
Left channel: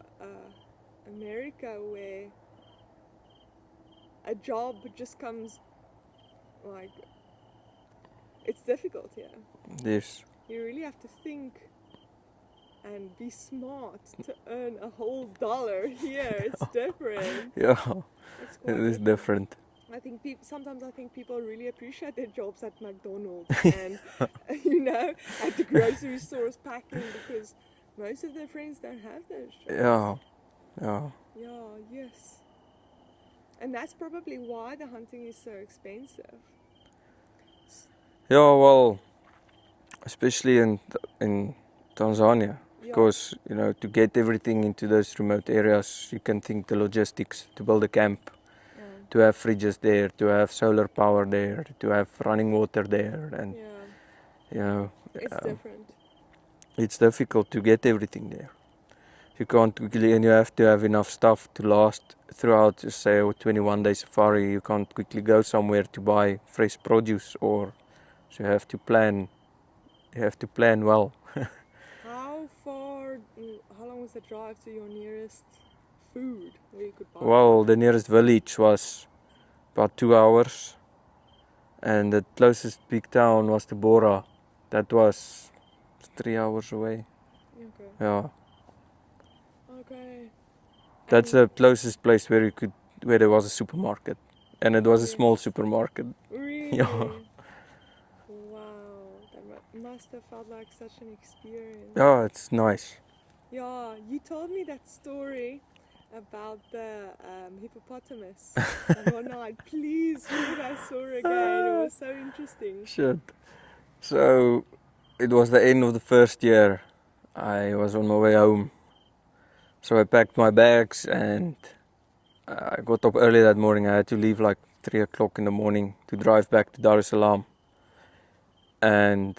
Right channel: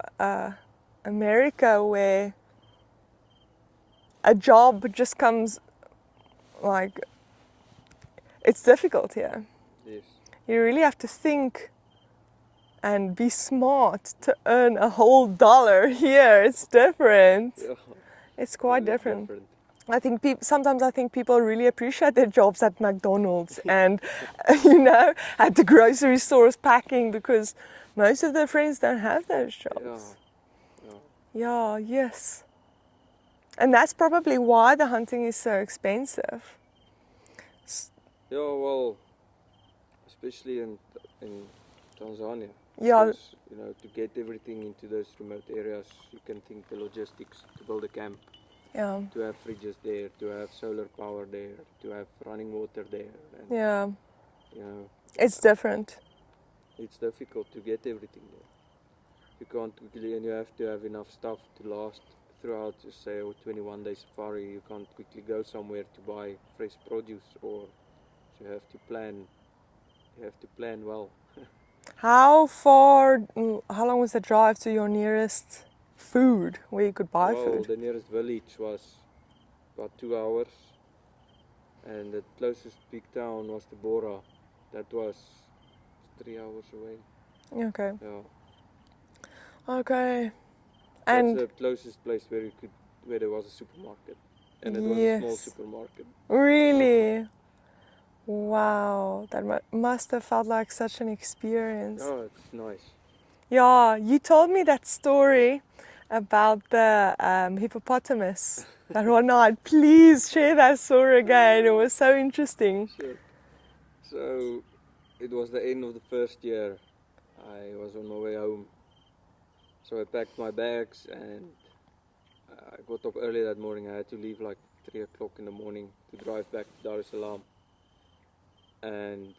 America, where a job just comes, like, it's difficult here. Yes. You really have to think and be smart to earn a whole dollar. Here it's different. Yeah. It's quite It is different. different. I think sometimes I think people really appreciate their jobs at McDonald's and at the grocery stores packing, because most of their friends don't have those jobs. Yeah. Yes. And that's probably why the hunting is so expensive. Yeah, well, especially in Tanzania. Yeah. Because, to get everything into those remote areas, you can think the logistics, to build a camp, Yeah. to have fridges there, to have solar power there, to have running water there, and It's different. it's difficult to get everything there. You can't quickly, and you have to have enough stuff to last throughout, say, a 21-day safari. You can't quickly go somewhere to buy fresh produce, so you have to plan. You have to plan well. How long was the drive to your nearest food where you could buy Well, food? the nearest village was about 2 hours, and the closest big town was Tabora. That was 3 hours away. Okay. Yeah, Okay. that's And the closest place where there was a supermarket, and it was a small Yes. supermarket. Really? Wow, that must have felt like such an experience. Yeah, it's nice. Yeah, you told me that story about the hippopotamus that one night. Please share that story again. It was so interesting. Shit. So it was the end of the first year. I was on my way home. So I packed my bags and I got up early that morning. I had to leave like 3 o'clock in the morning to drive back to Dar es Salaam. And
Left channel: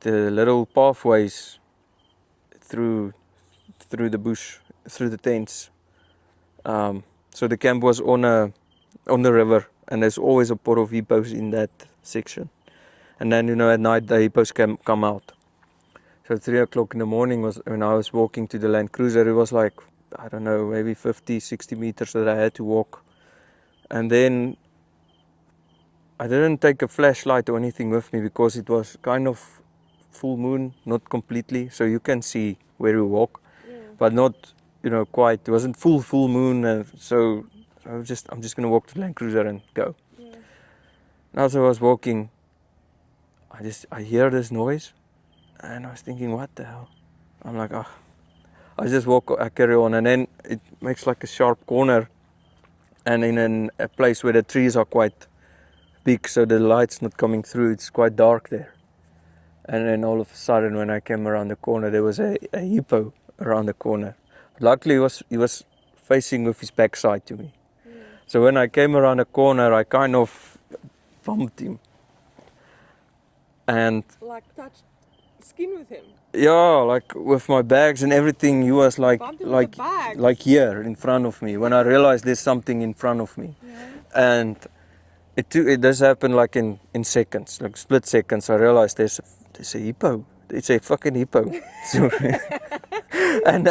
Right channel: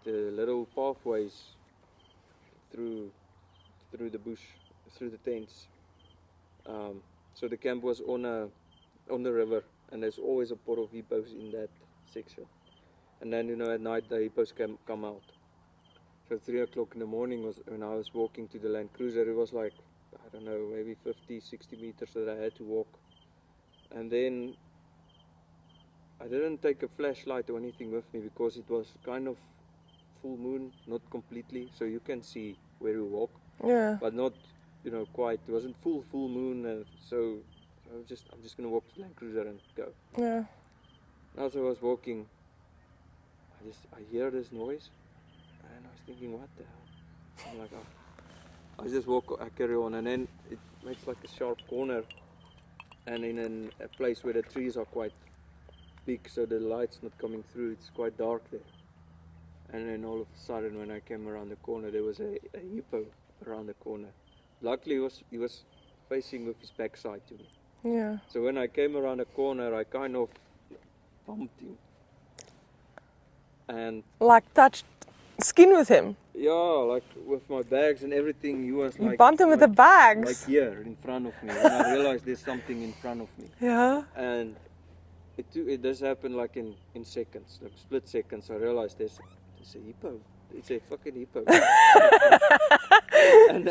the little pathways through the bush, through the tents. So the camp was on the river, and there's always a pot of hippos in that section. And then, at night the hippos come out. So 3 o'clock in the morning was when I was walking to the Land Cruiser. It was like, I don't know, maybe 50, 60 meters that I had to walk. And then I didn't take a flashlight or anything with me because it was kind of full moon, not completely, so you can see where you walk, but not, quite. It wasn't full moon, so I'm just gonna walk to the Land Cruiser and go. Yeah. And as I was walking, I hear this noise, and I was thinking, what the hell? I'm like, I just I carry on, and then it makes like a sharp corner, and in a place where the trees are quite big, so the light's not coming through. It's quite dark there. And then all of a sudden, when I came around the corner, there was a hippo around the corner. Luckily, he was facing with his backside to me. Yeah. So when I came around the corner, I kind of bumped him. And Like touched skin with him? Yeah, like with my bags and everything, he was like... You bumped him with the bags? Like here, in front of me, when I realized there's something in front of me. Yeah. And it does happen like in seconds, like split seconds. I realized there's a hippo. It's a fucking hippo. And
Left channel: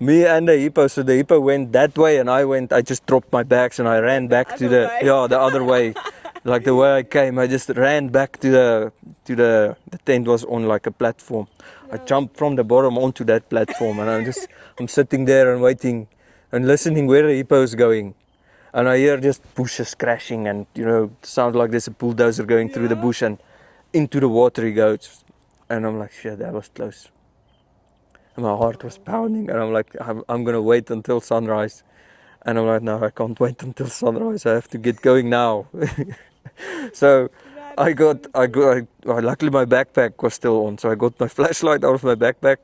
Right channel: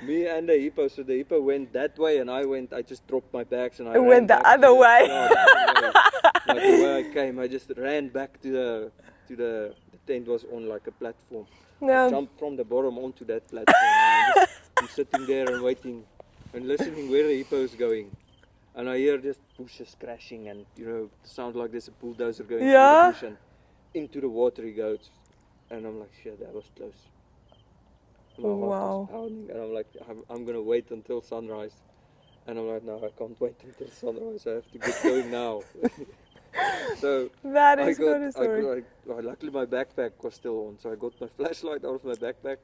me and the hippo, so the hippo went that way and I just dropped my bags and I ran back to the other way. Like the way I came, I just ran back to the tent was on like a platform. No. I jumped from the bottom onto that platform and I'm sitting there and waiting and listening where the hippo is going. And I hear just bushes crashing and, sound like there's a bulldozer going through the bush and into the water he goes. And I'm like, shit, that was close. And my heart was pounding and I'm like, I'm going to wait until sunrise. And I'm like, no, I can't wait until sunrise. I have to get going now. So luckily my backpack was still on. So I got my flashlight out of my backpack.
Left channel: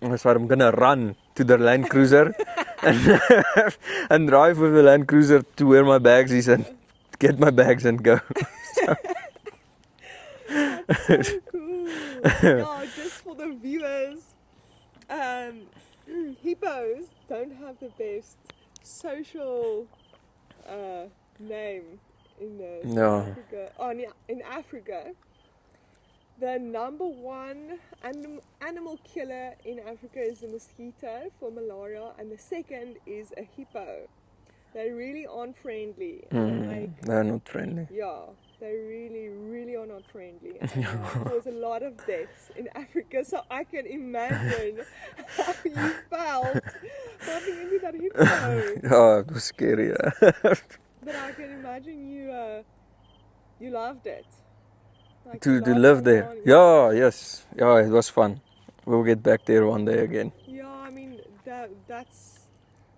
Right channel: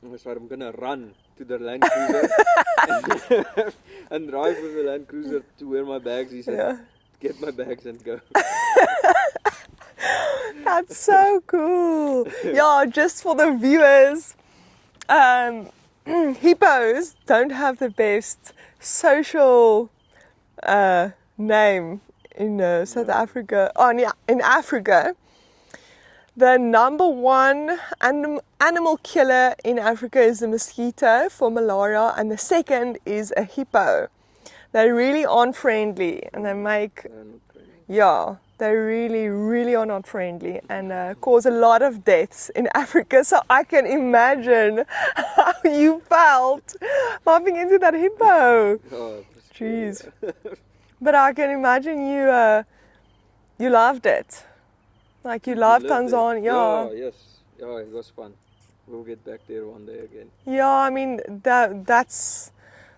And I said, I'm going to run to the Land Cruiser and drive with the Land Cruiser to where my bags is and get my bags and go. That's so cool. Yeah, just for the viewers, hippos don't have the best social name in South Africa. In Africa, the number one animal killer in Africa is the mosquito for malaria, and the second is a hippo. They really aren't friendly, and they're not friendly. Yeah, they really, really are not friendly and cause a lot of deaths in Africa. So I can imagine how you felt bumping into that hippo. Oh, it was scary. But I can imagine you loved it. Like you loved Tanzania. Yeah, it was fun. We'll get back there one day again. Yeah, I mean that's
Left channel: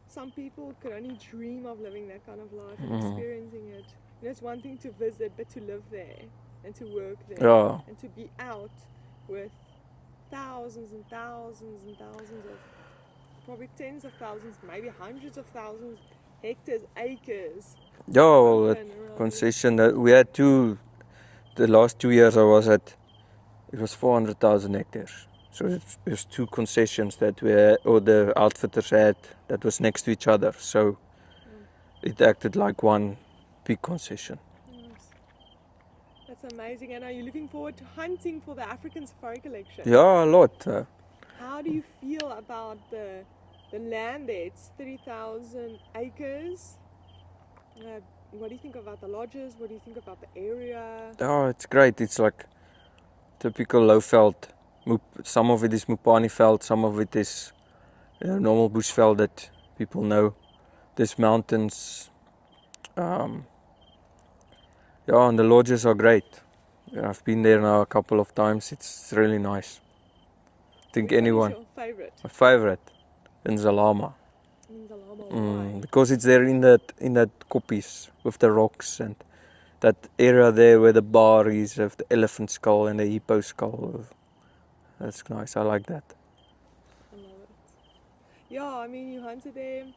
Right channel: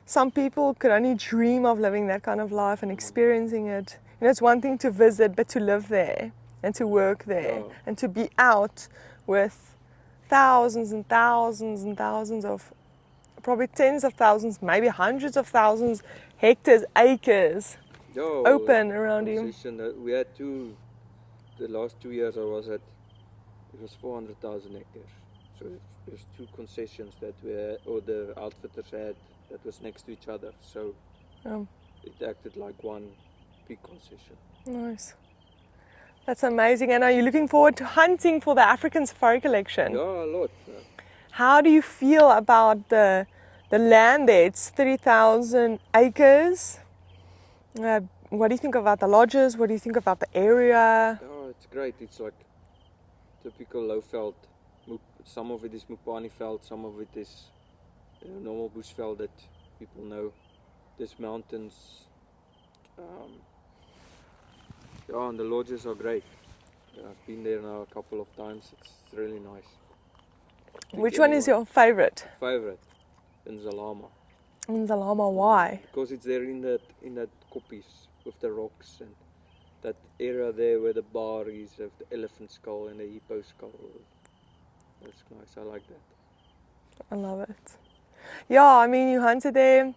some people could only dream of living that kind of life and experiencing it. It's one thing to visit, but to live there and to work there and to be out with thousands and thousands and thousands of, probably tens of thousands, maybe hundreds of thousands, hectares, acres open around concession that we had the last 2 years I was at, it was 400,000 hectares. So there's two concessions that we had, or the outfitters had, that was next to each other. So it acted like one big concession. Nice. That's amazing. And are you looking forward to hunting for the African Safari Collection? Yeah, a lot. How do you feel about the land there? It's 30,000 acres. What do you think about the lodges? What do you think about the area? Oh, it's great. It's like typical low veld. Some of it is Mupani veld, some of it is normal bush veld that people know. There's mountains. And the lodges are great. I've been there now a couple of times. It's really nice. Which one is your favorite? My favorite, Nzalama. Nzalama, why? Because it's there in that koppies with the rocks and that area there where the bar is of the elephant skull and the hippo skull. That's nice. I like that. I love it. Yeah, I mean, you hunted there.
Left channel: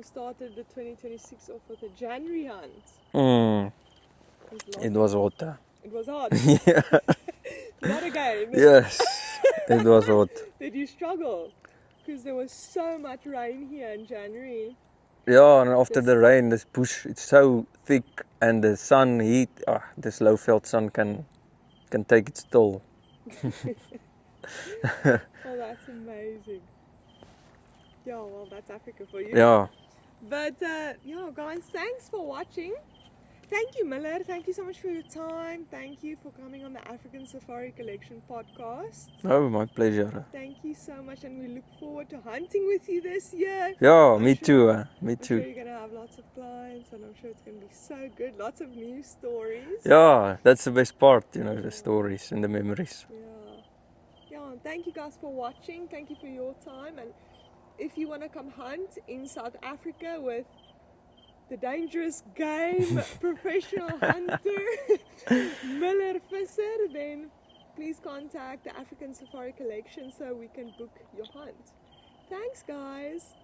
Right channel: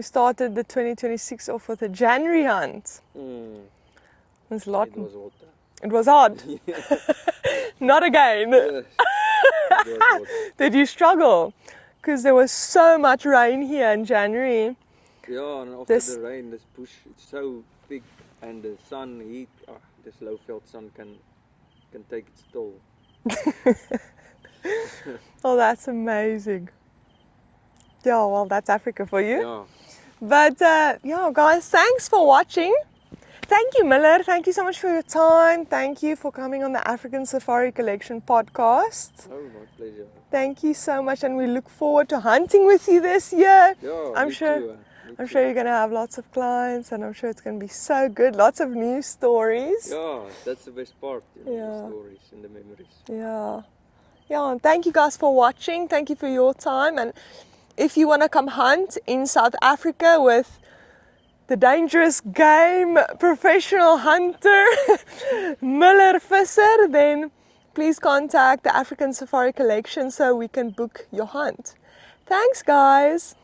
You started the 2026 off with a January hunt. Mm, It was, it was hot. It was hard. Not again. Yes, it was hot. Did you struggle? Because there was so much rain here in January. Yeah, and after This- the rain, this bush, it's so thick, and the sun heat, this low-veld sun can take its toll. Oh, that's amazing. Yeah, well, that's Africa for you. Yeah, But yeah, guys, thanks for watching. Thank you, Muller. Thank you so much for your time. Thank you for coming on the African Safari Collection podcast. oh, my pleasure. Thank you so much, and we look forward to hunting with you this year. Yeah, I'm me sure- too. Me I'm too. sure you're going to have lots of clients, and I'm sure it's going to be so good. Lots of new stories. Yeah, that's the best part, the Yeah. stories and the memories. Yeah. Yeah, and thank you guys for watching. Thank you for your time. And if you want to come hunt in South Africa with the dangerous game professional hunter Muller Visser, then please contact the African Safari Collection so we can book your hunt. Thanks, guys.